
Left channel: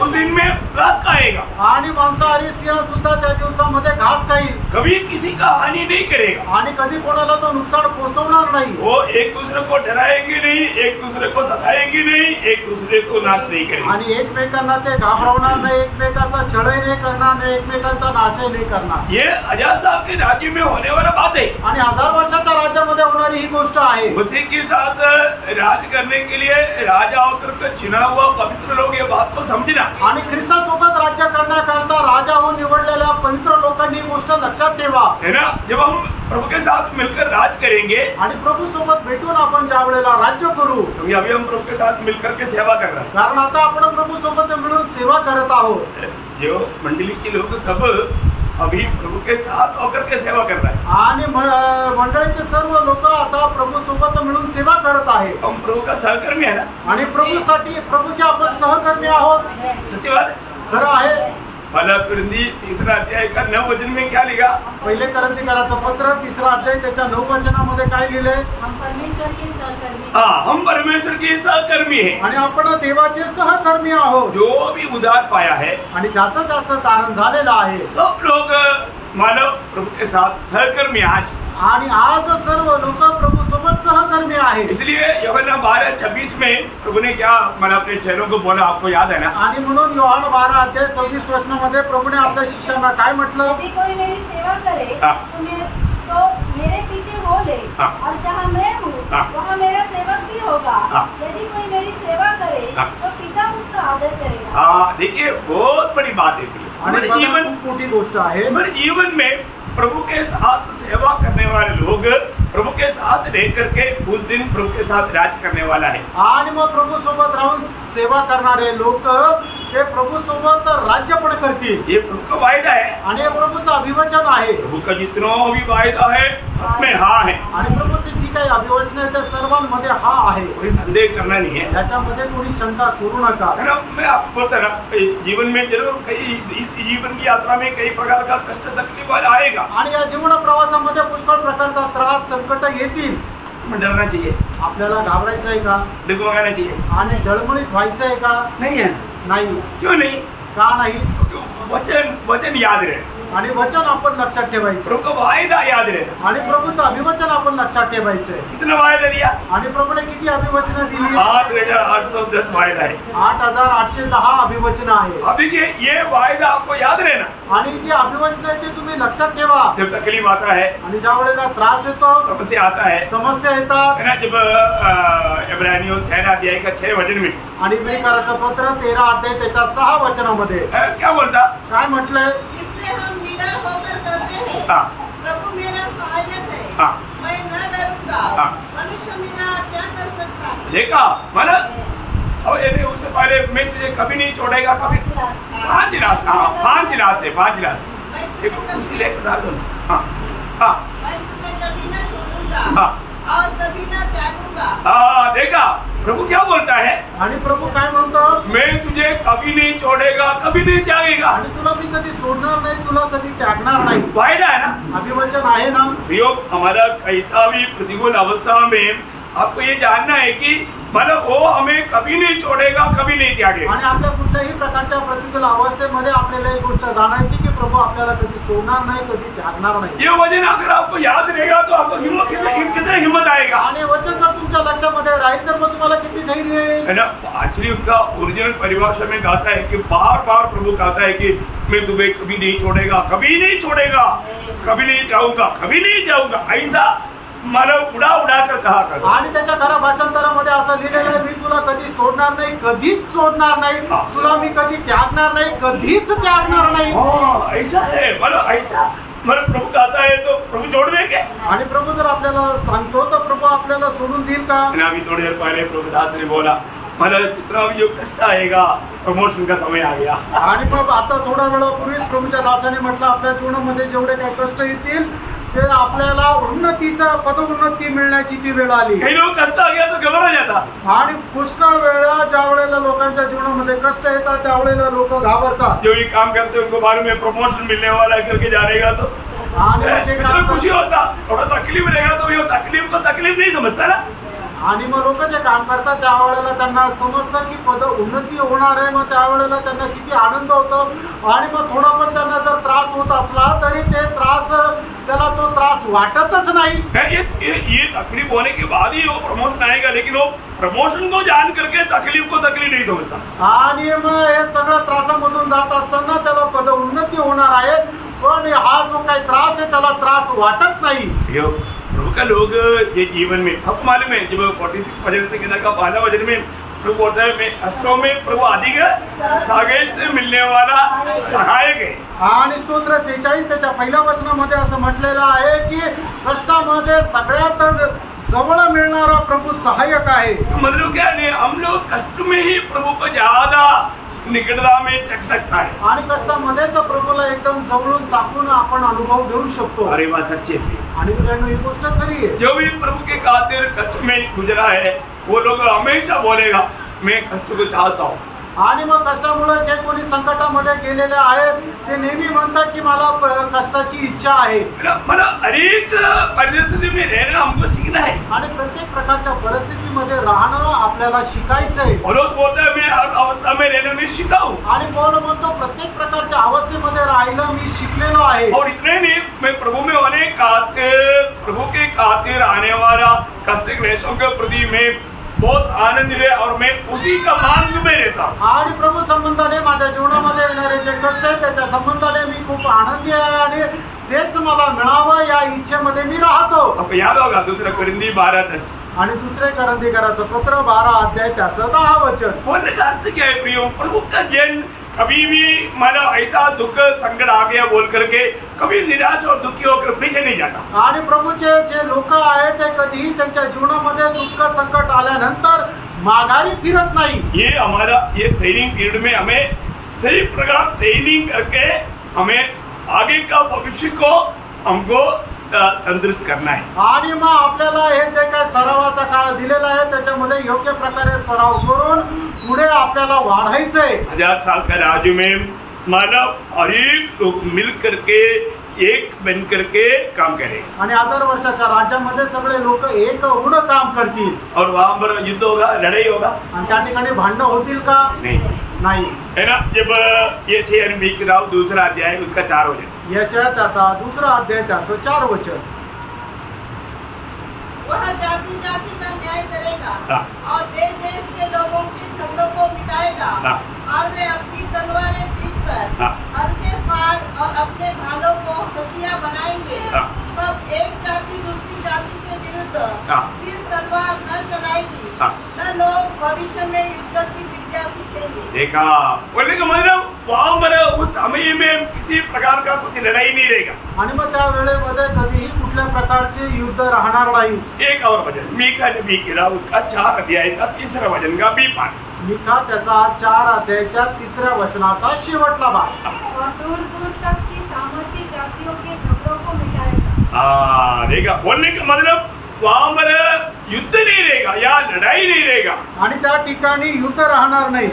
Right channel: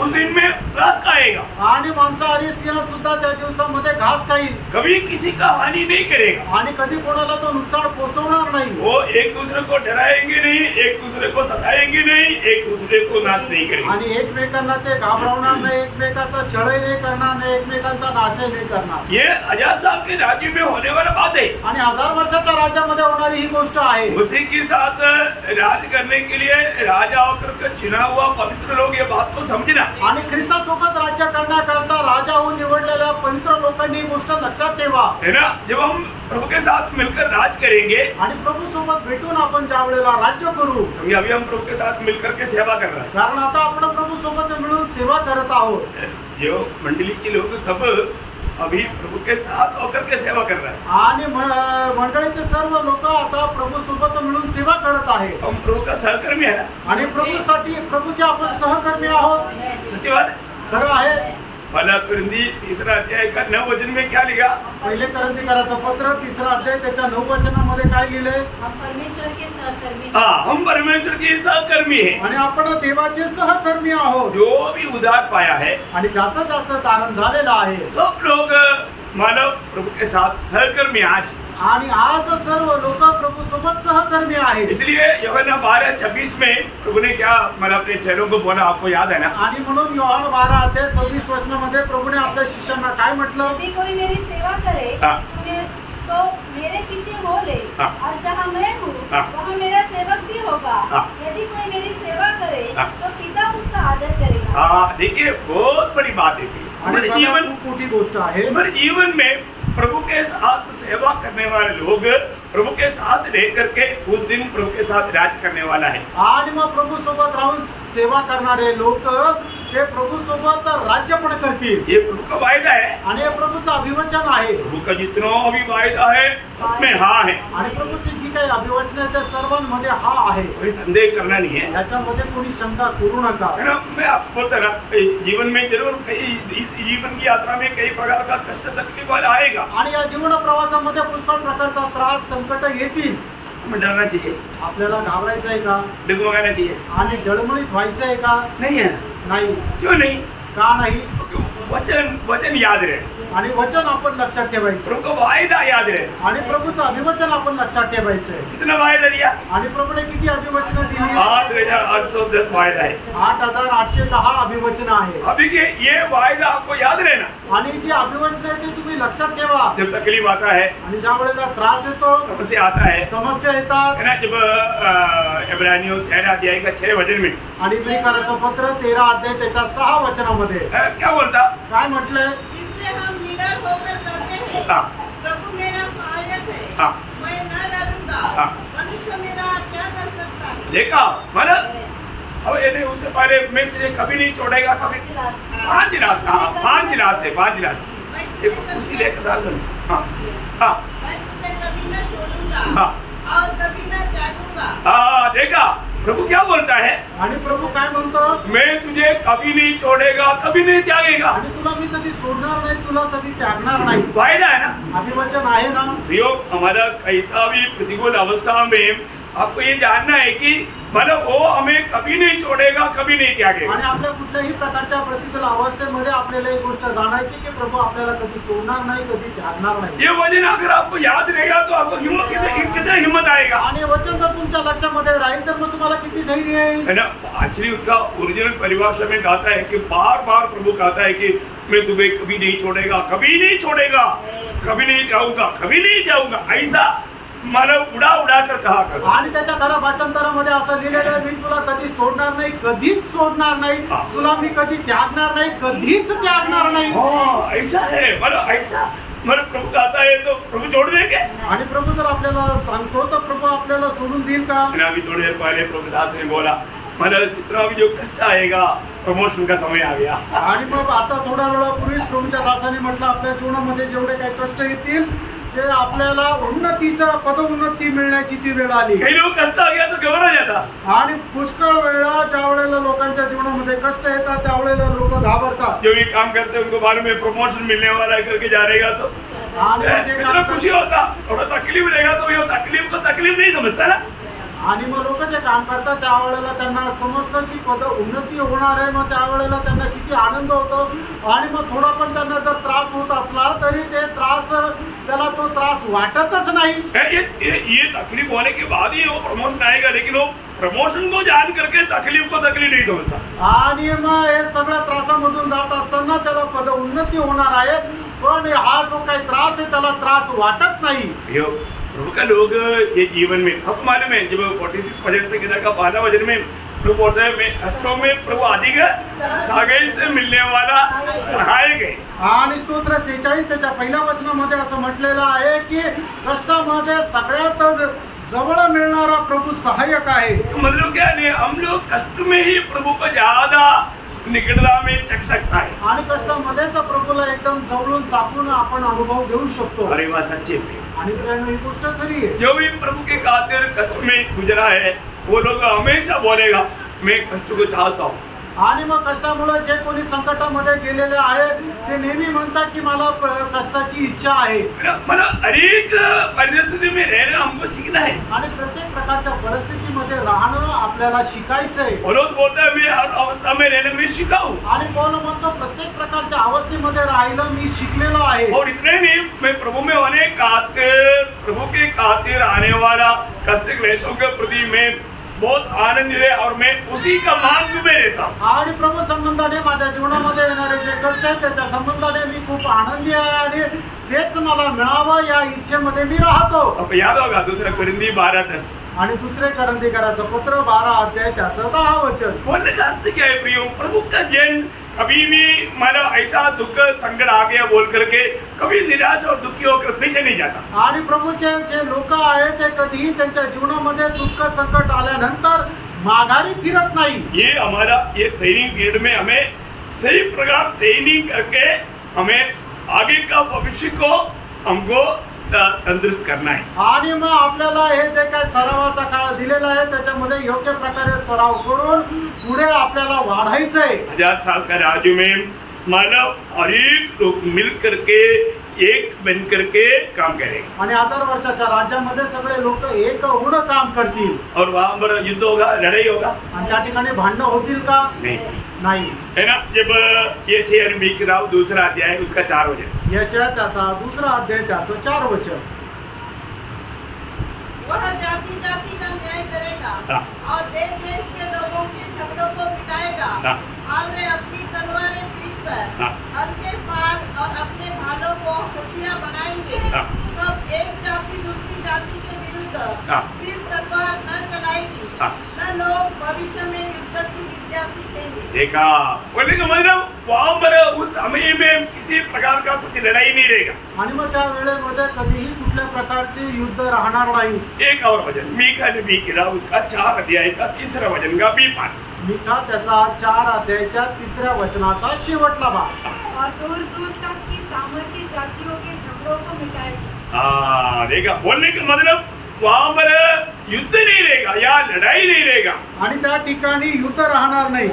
उस दिन में घास खाएगा. आणि मांसाहारी सिंह सुद्धा त्या दिवसामध्ये घास खाईल. कभी किसी का हानि नहीं करेगा. आणि कधी कोणाला तो नुकसान पोहोचवणार नाही. वो एक दूसरे को डराएंगे नहीं, एक दूसरे को सताएंगे नहीं, एक दूसरे को नाश नहीं करेंगे. आणि एकमेकांना ते घाबरवणार नाही, एकमेकांचा छळही नाही करणार नाही, एकमेकांचा नाशही नाही करणार. ये आजाद साहब के राज्य में होने वाला बात है. आणि 1000 वर्षाच्या राज्यामध्ये होणारी ही गोष्ट आहे. मसीह के साथ राज करने के लिए राजा होकर के चुना हुआ पवित्र लोग ये बात को समझना. आणि ख्रिस्तासोबत राज्य करण्याकरता राजा होऊन निवडलेल्या पवित्र लोकांनी ही गोष्ट लक्षात ठेवा. है ना. जब हम प्रभु के साथ मिलकर राज करेंगे आणि प्रभू सोबत भेटून आपण ज्या वेळेला राज्य करू, क्योंकि अभी हम प्रभु के साथ मिलकर के सेवा कर रहे हैं. कारण आता आपण प्रभू सोबत मिळून सेवा करत आहोत. जो मंडली के लोग सब अभी प्रभु के साथ होकर के सेवा कर रहा है। आणि मंडळीचे सर्व लोक आता प्रभु सोबत मिळून सेवा करत आहे। हम प्रभु का सहकर्मी है ना, आणि प्रभूसाठी प्रभूचे आपण सहकर्मी आहोत। सच्ची बात है। खरं आहे। पहला कुरिन्थी 3 अध्याय का 9 वचन में क्या लिखा? पहिले करंथीकराचं पत्र 3 अध्याय त्याच्या 9 वचनामध्ये काय लिहिले? हम परमेश्वर के सहकर्मी। हम परमेश्वर के सहकर्मी हैं आणि आपण देवाचे सहकर्मी आहोत। जो भी उद्धार पाया है आणि ज्याचं ज्याचं तारण झालेलं आहे सब लोग मानव प्रभु के साथ सहकर्मी आज। आणि आज सर्व लोक प्रभु सोबत सहकर्मी आहेत। इसलिए यूहन्ना 12:26 में प्रभु ने क्या मतलब अपने चेलों को बोला, आपको याद है ना? आणि म्हणून योहान 12 अध्याय 26 वचनामध्ये प्रभुने आपल्या शिष्यांना काय म्हटलं? यदि कोई मेरी सेवा करे तो मेरे पीछे हो ले, और जहाँ मैं हूँ वहाँ मेरा सेवक भी होगा। यदि कोई मेरी सेवा करे तो पिता उसका आदर करेगा। देखिए बहुत बड़ी बात है। हमारे जीवन मोठी गोष्ट आहे। हमारे जीवन में प्रभु के साथ सेवा करने वाले लोग प्रभु के साथ लेकर के उस दिन प्रभु के साथ राज करने वाला है। आणि मग प्रभु सोबत राहून सेवा करणारे लोक ते प्रभु सोबत राज्य पण करतील। ये प्रभु का वायदा है आणि हे प्रभुचं अभिवचन आहे। प्रभु का जितना भी वायदा है सब में हाँ है। आणि प्रभुची जी काही अभिवचन आहे ते सर्वांमध्ये हा आहे। कोई संदेह करना नहीं है, याच्यामध्ये कोणी शंका करू नका। है ना? मैं आपको बोलता ना, जीवन में जरूर कई इस जीवन की यात्रा में कई प्रकार का कष्ट तकलीफ आएगा। आणि या जीवन प्रवासामध्ये पुष्कळ प्रकारचा त्रास संकट येतील। हमें डरना चाहिए? आपल्याला घाबरायचं आहे का? डगमगाना चाहिए? आणि डळमळीत व्हायचं आहे का? नहीं है ना? नाही। क्यों नहीं? का नाही? वचन याद रहे आणि वचन आपण लक्षात ठेवायचं। प्रभु का वायदा याद रहे आणि प्रभुचं अभिवचन आपण लक्षात ठेवायचंय। कितना वायदा दिया? आणि प्रभुने किती अभिवचन दिली? 8,810 वायदा है। 8,810 अभिवचन आहे। अब देखिए ये वायदा आपको याद रहना। आणि जी अभिवचन आहे ते तुम्ही लक्षात ठेवा। जब तकलीफ आता है, आणि ज्या वेळेला त्रास येतो, समस्या आता है, समस्या येतात, है ना? जब इब्रानियों 13 अध्याय का 6 वचन में आणि इब्रानियराचं पत्र 13 अध्याय त्याच्या 6 वचनामध्ये क्या बोलता? काय म्हटलंय? इसलिए हम निडर होकर कहते हैं, प्रभु मेरा सहायक है, मैं न डरूंगा। मनुष्य मेरा क्या कर सकता है? देखा माना? अब ये उससे पहले मैं तुझे कभी नहीं छोड़ेगा, कभी 5 लास्ट है 5 लास्ट एक उसी लेकर डाल दो। मैं तुझे कभी न छोड़ूंगा और कभी न त्यागूंगा। देखा प्रभु क्या बोलता है? आणि प्रभु काय म्हणतो? मैं तुझे कभी नहीं छोड़ेगा, कभी नहीं त्यागेगा। आणि तुला मी कधी सोडणार नाही, तुला कधी त्यागणार नाही। वायदा है ना? अभिवचन आहे ना? प्रयोग हमारा कैसा भी प्रतिकूल अवस्था में आपको ये जानना है कि मतलब वो हमें कभी नहीं छोड़ेगा, कभी नहीं त्यागेगा। आणि आपल्या कुठल्याही प्रकारच्या प्रतिकूल अवस्थेमध्ये आपल्याला एक गोष्ट जाणायची की प्रभु आपल्याला कधी सोडणार नाही, कधी त्यागणार नाही। ये वचन अगर आपको याद रहेगा तो आपको कितना हिम्मत आएगा। आणि वचन जर तुमच्या लक्षामध्ये राहील तर मग तुम्हाला किती धैर्य येईल। है ना? एक्चुअली उनका ओरिजिनल परिभाषा में गाता है कि बार बार प्रभु कहता है कि मैं तुम्हें कभी नहीं छोड़ेगा, कभी नहीं छोड़ेगा, कभी नहीं जाऊंगा, कभी नहीं जाऊंगा। ऐसा मला उडा कर कहा करतो। आणि त्याच्या खऱ्या भाषांतरामध्ये असं लिहिलेलं आहे, मी तुला कधी सोडणार नाही, कधीच सोडणार नाही, तुला मी कधी त्यागणार नाही, कधीच त्यागणार नाही। ऐसा है मतलब ऐसा मतलब प्रभु कहता है तो प्रभु छोड़ देंगे? आणि प्रभु जर आपल्याला सांगतो तर प्रभु आपल्याला सोडून देईल का? अभी थोड़ी देर पहले प्रभुदास ने बोला मतलब जितना भी जो कष्ट आएगा प्रमोशन का समय आ गया। आणि मग आता थोडा वेळापूर्वीच प्रभूच्या दासाने म्हटलं आपल्या जीवनामध्ये जेवढे काही कष्ट येतील ते आपल्याला उन्नतीचा पदोन्नती मिळण्याची ती वेळ आली। काही लोक कष्ट आ गया तो घबरा जाता। आणि पुष्कळ वेळा ज्या वेळेला लोकांच्या जीवनामध्ये कष्ट येतात त्यावेळेला लोक घाबरतात। जो भी काम करते हैं उनको बारे में प्रमोशन मिलने वाला है करके जा रहेगा तो कितना खुशी होता, थोड़ा तकलीफ रहेगा तो ये तकलीफ को तकलीफ नहीं समझता ना। आणि मग लोक जे काम करतात त्यावेळेला त्यांना समजतं की पद उन्नती होणार आहे, मग त्यावेळेला त्यांना किती आनंद होतो। आणि मग थोडा पण त्यांना जर त्रास होत असला तरी ते त्रास त्याला तो त्रास वाटतच नाही। ये तकलीफ होने के बाद ही वो प्रमोशन आएगा, लेकिन वो प्रमोशन को जान करके तकलीफ को तकलीफ नहीं समझता। आणि मग हे सगळं त्रासामधून जात असताना त्याला पद उन्नती होणार आहे, पण हा जो काही त्रास आहे त्याला त्रास वाटत नाही। प्रभु का लोग ये जीवन में आपको मालूम है जब 46 वचन से किताब का 5वां वचन में प्रभु बोलता है मैं वास्तव में प्रभु आदि सागेल से मिलने वाला सहायक है। आणि स्तोत्र 46 त्याच्या पहिल्या वचनामध्ये असं म्हटलेलं आहे की कष्टामध्ये सगळ्यात जवळ मिळणारा प्रभु सहायक आहे। मतलब क्या नहीं, हम लोग कष्ट में ही प्रभु को ज्यादा निकटता में चख सकता है। आणि कष्टामध्येच प्रभूला एकदम जवळून चाकून आपण अनुभव घेऊ शकतो। अरे वह सच्चे प्रिय, आणि ही गोष्ट खरी आहे। जो भी प्रभु के खातिर कष्ट में गुजरा है वो लोग हमेशा बोलेगा मैं कष्ट को चाहता हूँ। आणि मग कष्टामुळे जे कोणी संकटामध्ये गेलेले आहेत ते नेहमी म्हणतात की मला कष्टाची इच्छा आहे। मला अनेक परिस्थिती में रहना हमको सीखना है आणि प्रत्येक प्रकारच्या परिस्थितीमध्ये राहणं आपल्याला शिकायचंय। पौलुस बोलता है मैं हर अवस्था में रहना मैं सीखा हूँ। आणि पौलुस म्हणतो प्रत्येक प्रकारच्या अवस्थेमध्ये राहिलं मी शिकलेलो आहे। और इतने नहीं, मैं प्रभु में होने खातिर, प्रभु के खातिर आने वाला कष्ट क्लेशों के प्रति मैं बहुत आनंदित है और मैं उसी का मार्ग में रहता हूँ। आणि प्रभू संबंधाने माझ्या जीवनामध्ये येणारे जे कष्ट आहेत त्याच्या संबंधाने मी खूप आनंदी आहे आणि तेच मला मिळावं या इच्छेमध्ये मी राहतो। अब याद होगा दूसरा कोरिंथी 12:10 आणि दुसरे करंथीकराचं पत्र 12 अध्याय त्याचं 10 वचन। बोलने का अर्थ क्या है प्रियो? प्रभु का जन कभी भी मानो ऐसा दुख संकट आ गया बोल करके कभी निराश और दुखी होकर पीछे नहीं जाता। आणि प्रभूचे जे लोक आहेत ते कधीही त्यांच्या जीवनामध्ये दुःख संकट आल्यानंतर माघारी फिरत नाही। ये हमारा ये ट्रेनिंग पीरियड में हमें सही प्रकार ट्रेनिंग करके हमें आगे का भविष्य को हमको तंदुरुस्त करना है। आणि मग आपल्याला हे जे काय सरावाचा काळ दिलेला आहे त्याच्यामध्ये योग्य प्रकारे सराव करून पुढे आपल्याला वाढायचंय। 1000 साल का राज्य में मानव हर एक लोग मिल करके एक बन करके काम करेगा। आणि 1000 वर्षाच्या राज्यामध्ये सगळे लोक एक होऊन काम करतील। और वहाँ पर युद्ध होगा, लड़ाई होगा, आणि त्या ठिकाणी भांडण होतील का? नाही है ना। जब यशायाह नबी की किताब 2 अध्याय उसका 4 वचन, यशायाह त्याचा 2 अध्याय त्याचं 4 वचन। वह जाति जाति का न्याय करेगा हाँ। और देश देश के लोगों के झगड़ों को मिटाएगा हाँ। और वे अपनी तलवारें पीट कर हाँ। हल्के फाल और अपने भालों को हंसिया बनाएंगे। हाँ। तब एक जाति दूसरी जाति के विरुद्ध हाँ। फिर तलवार न चलाएगी, हाँ। न लोग भविष्य में युद्ध की विद्या सीखेंगे। देखा बोलने का मतलब वहाँ पर उस समय में किसी प्रकार का कुछ लड़ाई नहीं रहेगा। आणि मग त्या वेळेमध्ये कधीही कुठल्या प्रकारचे युद्ध राहणार नाही। एक और वचन मीका नबी की किताब उसका 4 अध्याय का 3 वचन का B5, मिका त्याचा 4 अध्यायाच्या 3 वचनाचा शेवटला भाग। और दूर दूर तक की सामर्थ्य जातियों के झगड़ों को मिटाएगा। हाँ देखा बोलने का मतलब वहाँ पर युद्ध नहीं रहेगा या लड़ाई नहीं रहेगा। आणि त्या ठिकाणी युद्ध राहणार नाही।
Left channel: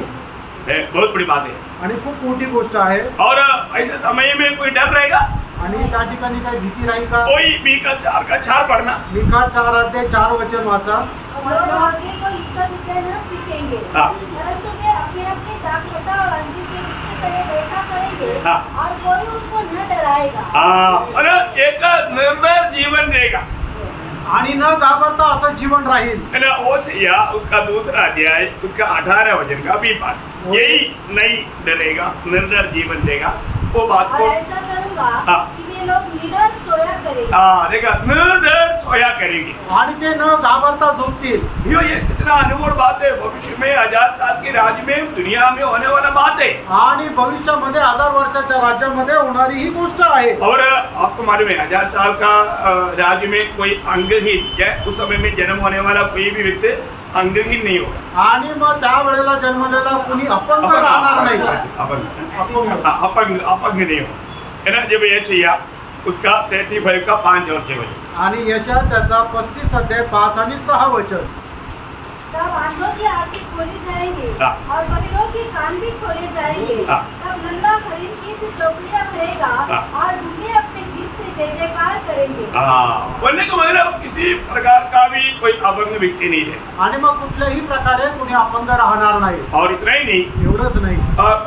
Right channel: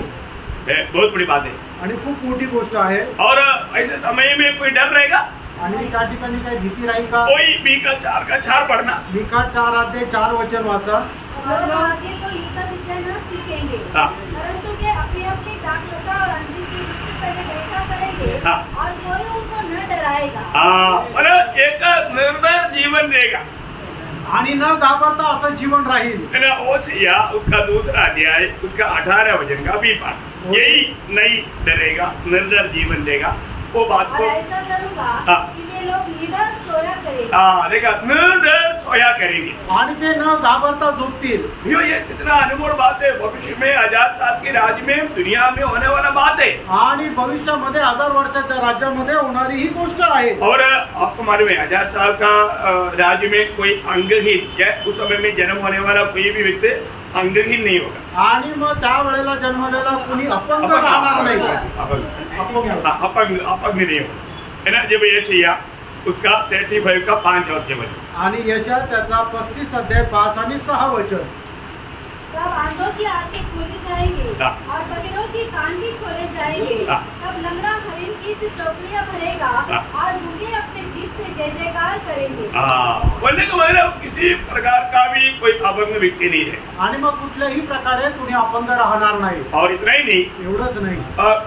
बहुत बड़ी बात है। आणि खूप मोठी गोष्ट आहे। और ऐसे समय में कोई डर रहेगा? आणि त्या ठिकाणी काही भीती राहील का? कोई मीका 4 का 4 पढ़ना। मिका 4 अध्याय 4 वचन वाचा। लोग आगे को युद्ध विद्या न सीखेंगे, हाँ। परंतु वे अपने अपनी दाखलता और अंधी की तरह देखा करेंगे। हाँ। और कोई उनको न डराएगा। हाँ, मतलब एक निर्भय जीवन रहेगा आणि न घाबरता असं जीवन राहील। है ना। ओसिया उसका 2 अध्याय उसका 18 वचन का B5, यही नहीं डरेगा, निर्भय जीवन देगा। वो बात और को ऐसा करूंगा हाँ। कि वे लोग निडर सोया करेंगे। हाँ देखा, निर्भय सोया करेंगे। आणि ते न घाबरता झोपतील। भैया ये कितना अनमोल बात है। भविष्य में 1000 साल के राज्य में दुनिया में होने वाला बात है। आणि भविष्यामध्ये 1000 वर्षाच्या राज्यामध्ये होणारी ही गोष्ट आहे। और आपको मालूम है 1000 साल का राज्य में कोई अंगहीन या उस समय में जन्म होने वाला कोई भी व्यक्ति अंगहीन नहीं होगा। आणि मग त्या वेळेला जन्मलेला कोणी अपंग राहणार नाही। अपंग नहीं होगा, है ना। जब ये चाहिए उसका 35 का 5 और 6 वचन, आणि यशायाह त्याचा 35 अध्याय 5 आणि 6 वचन। तब आंधों की आंखें खोली जाएंगी हाँ। और बधिरों के कान भी खोले जाएंगे। हाँ। तब लंगड़ा हरिण की सी चौकड़ियां भरेगा हाँ। और दूल्हे अपने जीभ से जय जयकार करेंगे। हाँ बोलने का मतलब किसी प्रकार का भी कोई अपंग व्यक्ति नहीं है। आणि मग कुठल्याही प्रकारे कोणी अपंग राहणार नाही। और इतना ही नहीं, एवढंच नाही,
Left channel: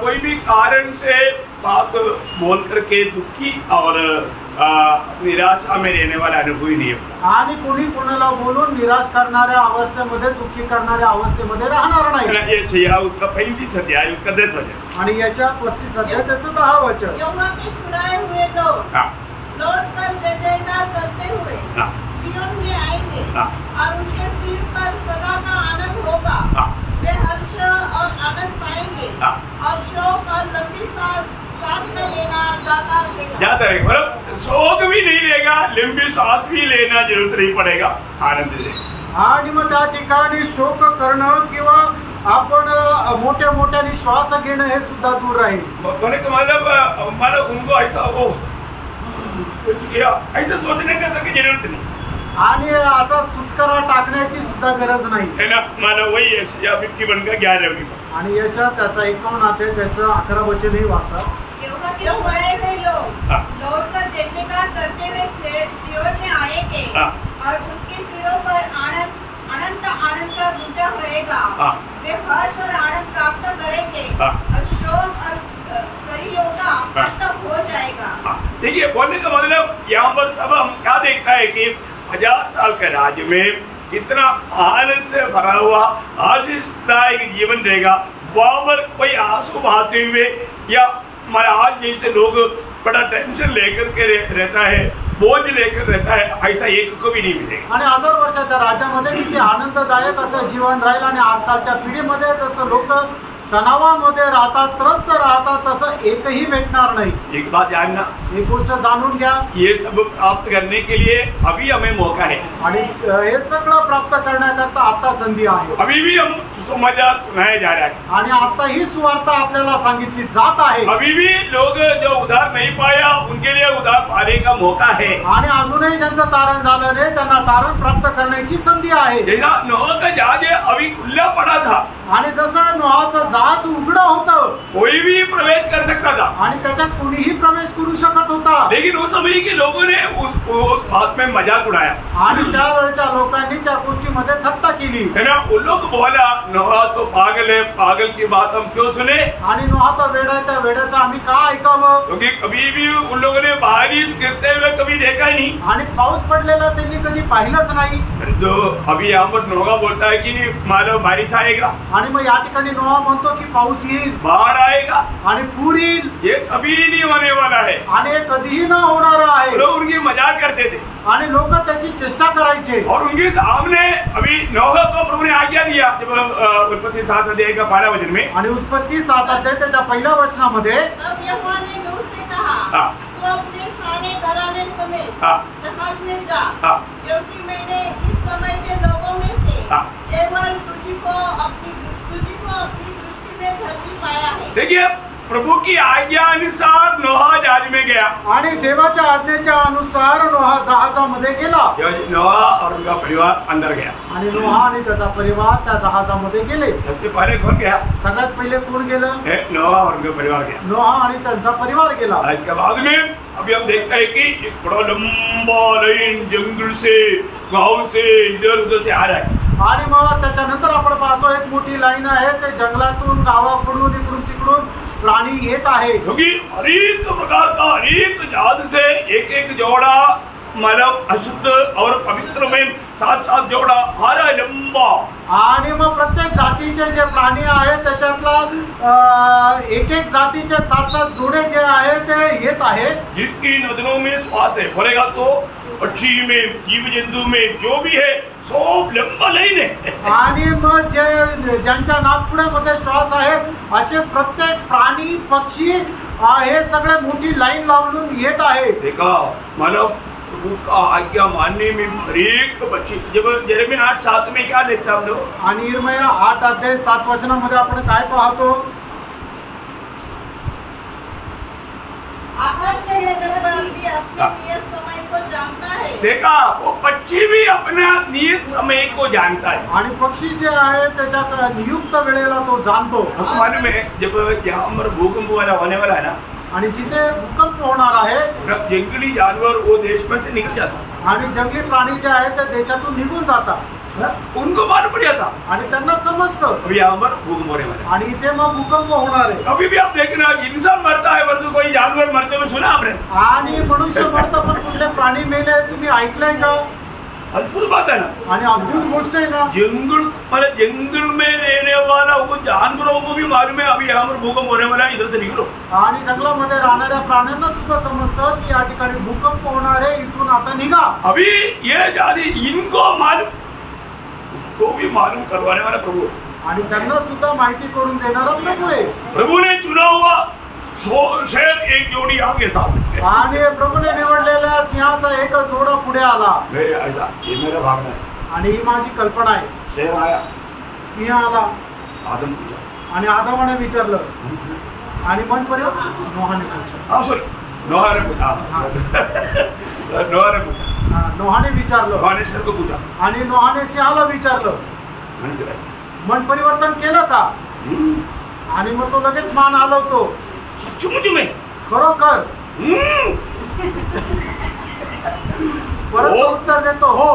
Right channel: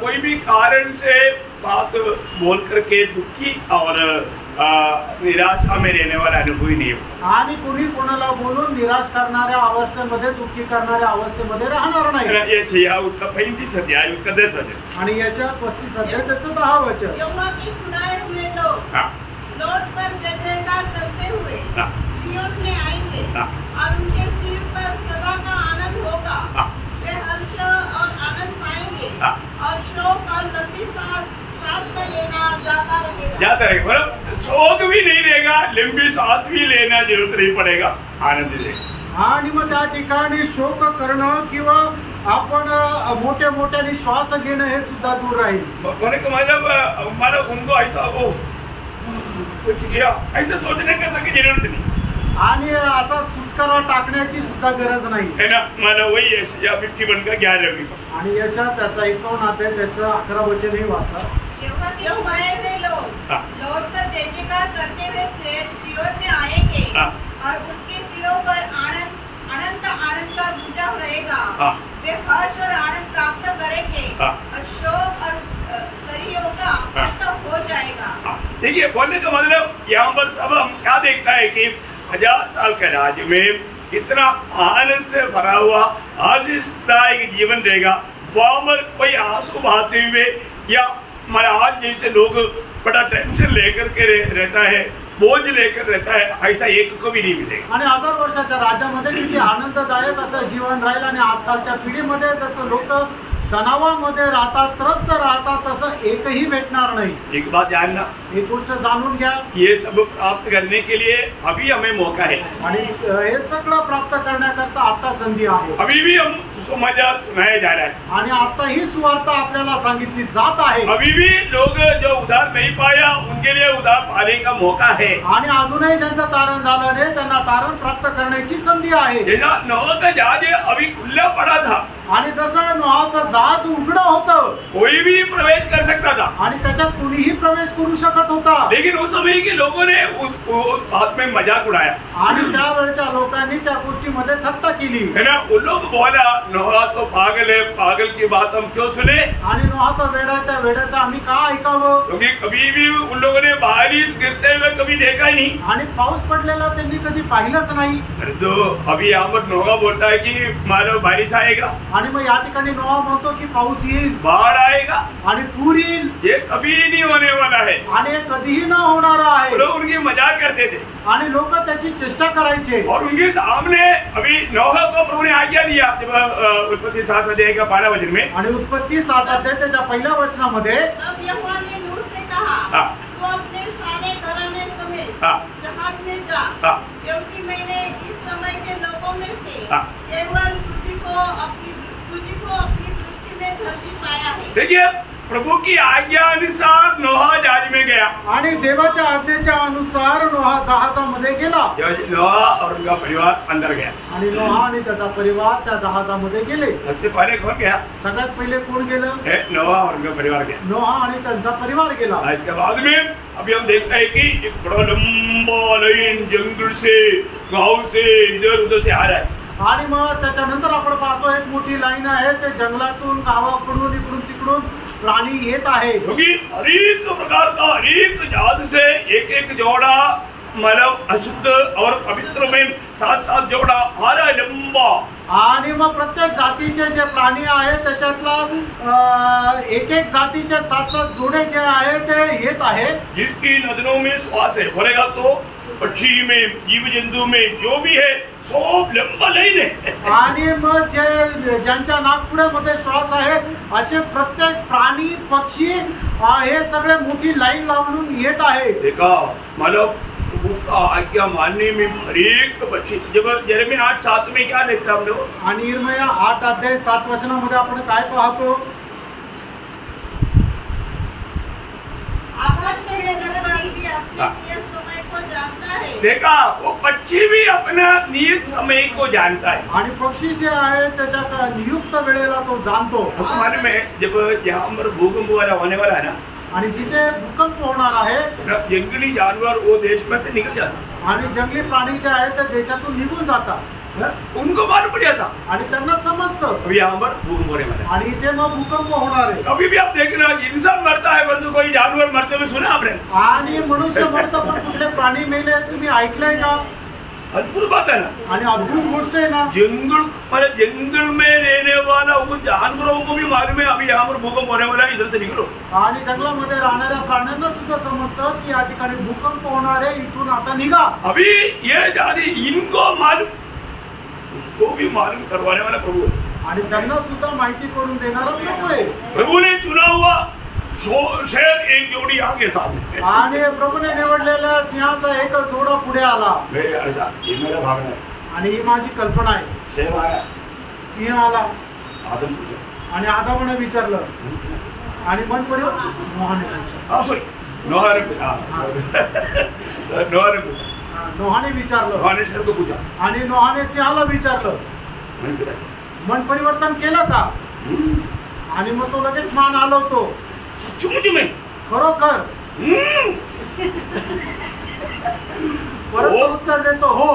कोई भी कारण से बात बोल करके दुखी और निराशा में रहने वाला अनुभव ही नहीं होगा। आणि कोणी कोणाला बोलून निराश करणाऱ्या अवस्थेमध्ये दुःखी करणाऱ्या अवस्थेमध्ये राहणार नाही। ये चाहिए उसका 35 अध्याय उसका 10 वचन। आणि यशायाह 35 अध्याय त्याचं 10 वचन। यहोवा के छुड़ाए हुए लोग हाँ। लौट कर जय जयकार करते हुए हाँ। सिय्योन में आएंगे। हाँ। और उनके सिर पर सदा का आनंद होगा। हाँ। वे हर्ष और आनंद पाएंगे। हाँ। और शोक और लंबी सांस का लेना जाता रहेगा। जाता रहेगा, मतलब शोक भी नहीं रहेगा, लंबी सांस भी लेना जरूरत नहीं पड़ेगा, आनंद रहेगा। आणि मग त्या ठिकाणी शोक करणं किंवा आपण मोठे मोठ्याने श्वास घेणं हे सुद्धा दूर राहील. मला उनको ऐसा वो कुछ किया ऐसा सोचने का की जरूरत नहीं. आणि असा सुटकारा टाकण्याची सुद्धा गरज नाही. है ना. मला वही यशाया 51 का 11वीं. आणि यशा त्याचा 51 आहे, त्याचं 11 वचनही वाचा. जो मरे हुए लोग लौटकर जय जयकार करते हुए सियोन में आएंगे और उनके सिरों पर अनंत आनंद का गुंजा रहेगा. वे हर्ष और आनंद प्राप्त करेंगे और शोक और सरियों का अंत हो जाएगा. देखिए, बोलने का मतलब यहाँ पर सब हम क्या देखता है कि 1000 साल के राज्य में इतना आनंद से भरा हुआ आशीषदायक जीवन रहेगा. वहां पर कोई आंसू बहाते हुए या हमारे आज जैसे लोग बड़ा टेंशन लेकर के रहता है, बोझ लेकर रहता है, ऐसा एक को भी नहीं मिलेगा. आणि 1000 वर्षाच्या राज्यामध्ये किती आनंददायक असं जीवन राहील. आणि आजकालच्या पिढीमध्ये जसं लोक तणावामध्ये राहतात, त्रस्त राहतात, तसं एकही भेटणार नाही. एक बात जानना, एक गोष्ट जाणून घ्या, ये सब प्राप्त करने के लिए अभी हमें मौका है. आणि हे सगळं प्राप्त करण्याकरता आता संधी आहे. अभी भी हम सुसमाचार सुनाया जा रहा है. आणि आता ही सुवार्ता आपल्याला सांगितली जात आहे. अभी भी लोग जो उधार नहीं पाया उनके लिए उधार पाने का मौका है. आणि अजूनही ज्यांचं तारण झालं नाही त्यांना तारण प्राप्त करण्याची संधी आहे. जैसा नोह का जहाज अभी खुला पड़ा था, आणि जसं नोहाचं जहाज उघडं होतं, कोई भी प्रवेश कर सकता था आणि त्याच्यात कुणीही प्रवेश करू शकत होता. लेकिन उस समय के लोगों ने उस बात में मजाक उड़ाया. आणि त्यावेळच्या लोकांनी त्या गोष्टीमध्ये थट्टा केली. है ना. उन लोग बोला नोहा तो पागल है, पागल की बात हम क्यों सुने. आणि नोहा तो वेडा आहे, त्या वेड्याचं आम्ही का ऐकावं. क्योंकि कभी भी उन लोगों ने बारिश गिरते हुए कभी देखा ही नहीं. आणि पाऊस पडलेला त्यांनी कधी पाहिलंच नाही. तो अभी यहाँ पर नोहा बोलता है कि मानो बारिश आएगा, आणि मग या ठिकाणी नोहा म्हणतो की पाऊस येईल, बाढ़ आएगा, आणि पूर येईल. ये कभी नहीं होने वाला है. आणि हे कधीही न होणार आहे. लोग उनकी मजाक करते थे आणि लोक त्याची चेष्टा करायचे. और उनके सामने अभी नोह को प्रभु ने आज्ञा दिया जब उत्पत्ति 7 अध्याय का 12 वचन में. आणि उत्पत्ती 7 अध्याय त्याच्या पहिल्या वचनामध्ये तब यहोवा ने नूह से कहा, तू अपने सारे घराने समेत जहाज में जा, क्योंकि मैंने इस समय के लोगों में से केवल तुझको अपनी दृष्टि में धरती पाया है. देखिए, प्रभु की आज्ञा अनुसार नोहा जहाज में गया. आणि देवाच्या आज्ञेच्या अनुसार नोहा जहाजामध्ये गेला. नोहा और उनका परिवार अंदर गया. आणि नोहा आणि त्याचा परिवार त्या जहाजामध्ये गेले. सबसे पहले कौन गया. सगळ्यात पहिले कोण गेलं. नोहा और उनका परिवार गया. नोहा आणि त्यांचा परिवार गेला. इसके बाद में अभी हम देखते हैं कि एक बड़ा लंबा लाइन जंगल से गांव से इधर उधर से आ रहा है. आणि मग त्याच्यानंतर आपण पाहतो एक मोठी लाईन आहे, ते जंगलातून गावाकडून इकडून तिकडून प्राणी येत आहे. क्योंकि हर एक प्रकार का हर एक जात से एक एक जोड़ा मतलब अशुद्ध और पवित्र में 7-7 जोड़ा आ रहा है लंबा. आणि मग प्रत्येक जातीचे जे प्राणी आहेत त्याच्यातला एक एक जातीचे 7-7 जोडे जे आहे ते येत आहे. जिसकी नदियों में श्वास है, बोलेगा तो पक्षी में जीव जंतु में जो भी है सब लंबा लाइन है. आणि मग जे ज्यांच्या नाकपुड्यामध्ये श्वास आहे असे प्रत्येक प्राणी पक्षी हे सगळे मोठी लाईन लावून येत आहे. देखा मतलब प्रभु का आज्ञा मानने में हर एक बच्चे. जब यिर्मयाह 8:7 में क्या लिखता हम लोग. आणि यिर्मयाह 8 अध्याय 7 वचनामध्ये आपण काय पाहतो. देखा, वो पक्षी भी अपना नियत समय को जानता है. आणि पक्षी जे आहे त्याच्या नियुक्त वेळेला तो जाणतो. मालूम है जब यहाँ पर भूकंप वाला होने वाला है ना, आणि जिथे भूकंप होणार आहे जंगली जानवर वो देश में से निकल जाता. आणि जंगली प्राणी जे आहेत ते देशातून निघून जातात. उनको मालूम पड़ जाता. आणि त्यांना समजतं अभी यहाँ पर भूकंप होने वाला है. आणि इथे मग भूकंप होणार आहे. कभी भी आप देखना इंसान मरता है परंतु कोई जानवर मरते हुए सुना आपने. आणि मनुष्य मरतं पण कुठले प्राणी मेले तुम्ही ऐकलंय का. अद्भुत बात है ना. आणि अद्भुत गोष्ट आहे ना. जंगल मतलब जंगल में रहने वाला वो जानवरों को भी मालूम है अभी यहाँ पर भूकंप होने वाला है, इधर से निकलो. आणि जंगलामध्ये राहणाऱ्या प्राण्यांना सुद्धा समजतं की या ठिकाणी भूकंप होणार आहे, इथून आता निघा. अभी ये जाती इनको मालूम, उसको भी मालूम करवाने वाला प्रभु है. आणि त्यांना सुद्धा माहिती करून देणारा प्रभू आहे. प्रभु ने चुना हुआ शेर एक जोड़ी आगे सामने. आणि प्रभूने निवडलेल्या सिंहाचा एक जोडा पुढे आला. ऐसा ये मेरा भावना है. आणि ही माझी कल्पना आहे. शेर आया, सिंह आला, आदम पूछा आणि आदामाने विचारलं आणि मन परिवर्तन नोहाने पूछा. हाँ सॉरी नोहाने पूछा. नोहाने पूछा. नोहाने विचारलं. नोहाने शेर को पूछा. आणि नोहाने सिंहाला विचारलं मन फिराय. मन परिवर्तन केलं का. आणि मग तो लगेच मान हलवतो. सच्चू में खरोखर. परत तो उत्तर देतो हो.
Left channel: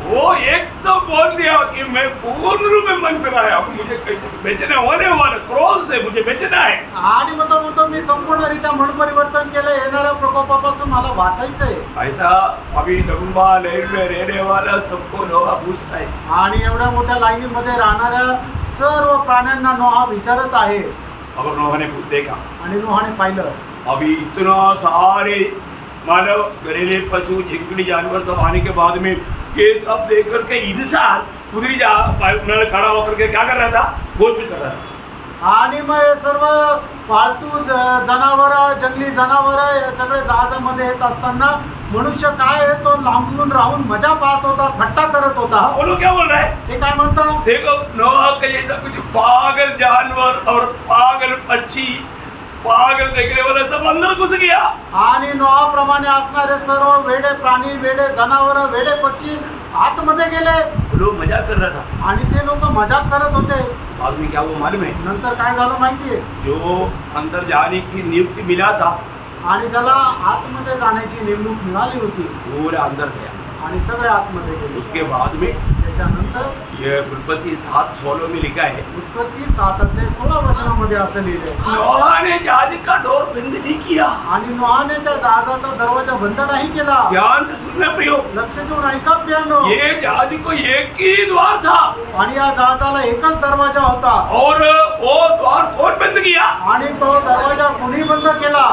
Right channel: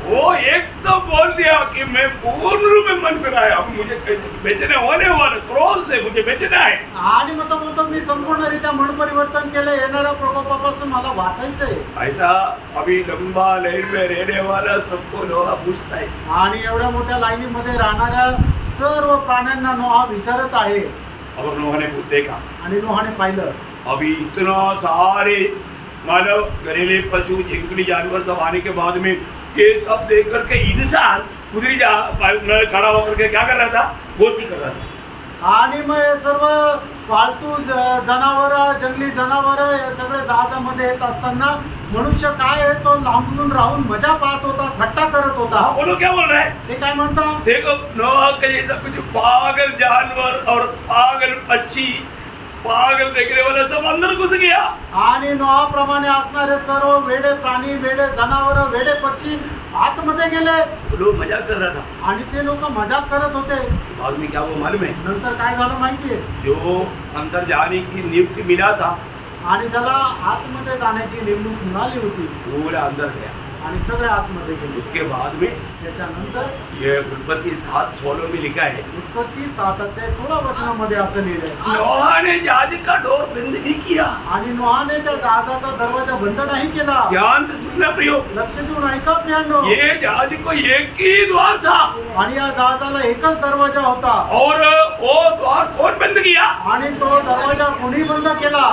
वो एक तो बोल दिया कि मैं पूर्ण रूप में मन फिराया, अब मुझे कैसे बेचने होने वाला क्रोध से मुझे बेचना है. आणि मग तो म्हणतो मी संपूर्णरित्या मन परिवर्तन केलं, येणाऱ्या प्रकोपापासून मला वाचायचंय. ऐसा अभी लंबा लहर में रहने वाला सबको नोहा पूछता है. आणि एवढ्या मोठ्या लाईनीमध्ये राहणाऱ्या सर्व प्राण्यांना नोहा विचारत आहे. अब नोहा ने देखा आणि नोहाने पाहिलं अभी इतना सारे मानव घरेलू पशु जंगली जानवर सब आने के बाद में ये सब देख करके इंसान उधरी खड़ा होकर के क्या कर रहा था, गोष्ठी कर रहा था. आणि मग हे सर्व पाळतू जनावर जंगली जनावर हे सगळे जहाजामध्ये येत असताना मनुष्य काय आहे तो लांबून राहून मजा पाहत होता, थट्टा करत होता. वो लोग क्या बोल रहे हैं, ते काय म्हणतात, देखो नोहा का जैसा कुछ पागल जानवर और पागल पक्षी पागल देखने वाला सब अंदर घुस गया. आणि नोहाप्रमाणे असणारे सर्व वेडे प्राणी वेडे जनावर वेडे पक्षी आतमध्ये गेले. लोग मजाक कर रहा था आणि ते लोक मजाक करत होते. बाद में क्या वो मालूम है, नंतर काय झालं माहितीये, जो अंदर जाने की नियुक्ति मिला था आणि ज्याला आतमध्ये जाण्याची नेमणूक मिळाली होती पूरा अंदर गया. आणि सगळे आतमध्ये गेले. उसके बाद में त्याच्यानंतर ये उत्पत्ति 7:16 में लिखा है, उत्पत्ती 7:16 असं लिहिलंय, नोहा ने जहाज का डोर बंद नहीं किया. आणि नोहाने त्या जहाजाचा दरवाजा बंद नाही केला. ध्यान से सुनना प्रियो, लक्ष देऊन ऐका प्रियांनो, ये जहाज को एक ही द्वार था आणि या जहाजाला एकच दरवाजा होता. और वो द्वार कौन बंद किया, आणि तो दरवाजा कोणी बंद केला,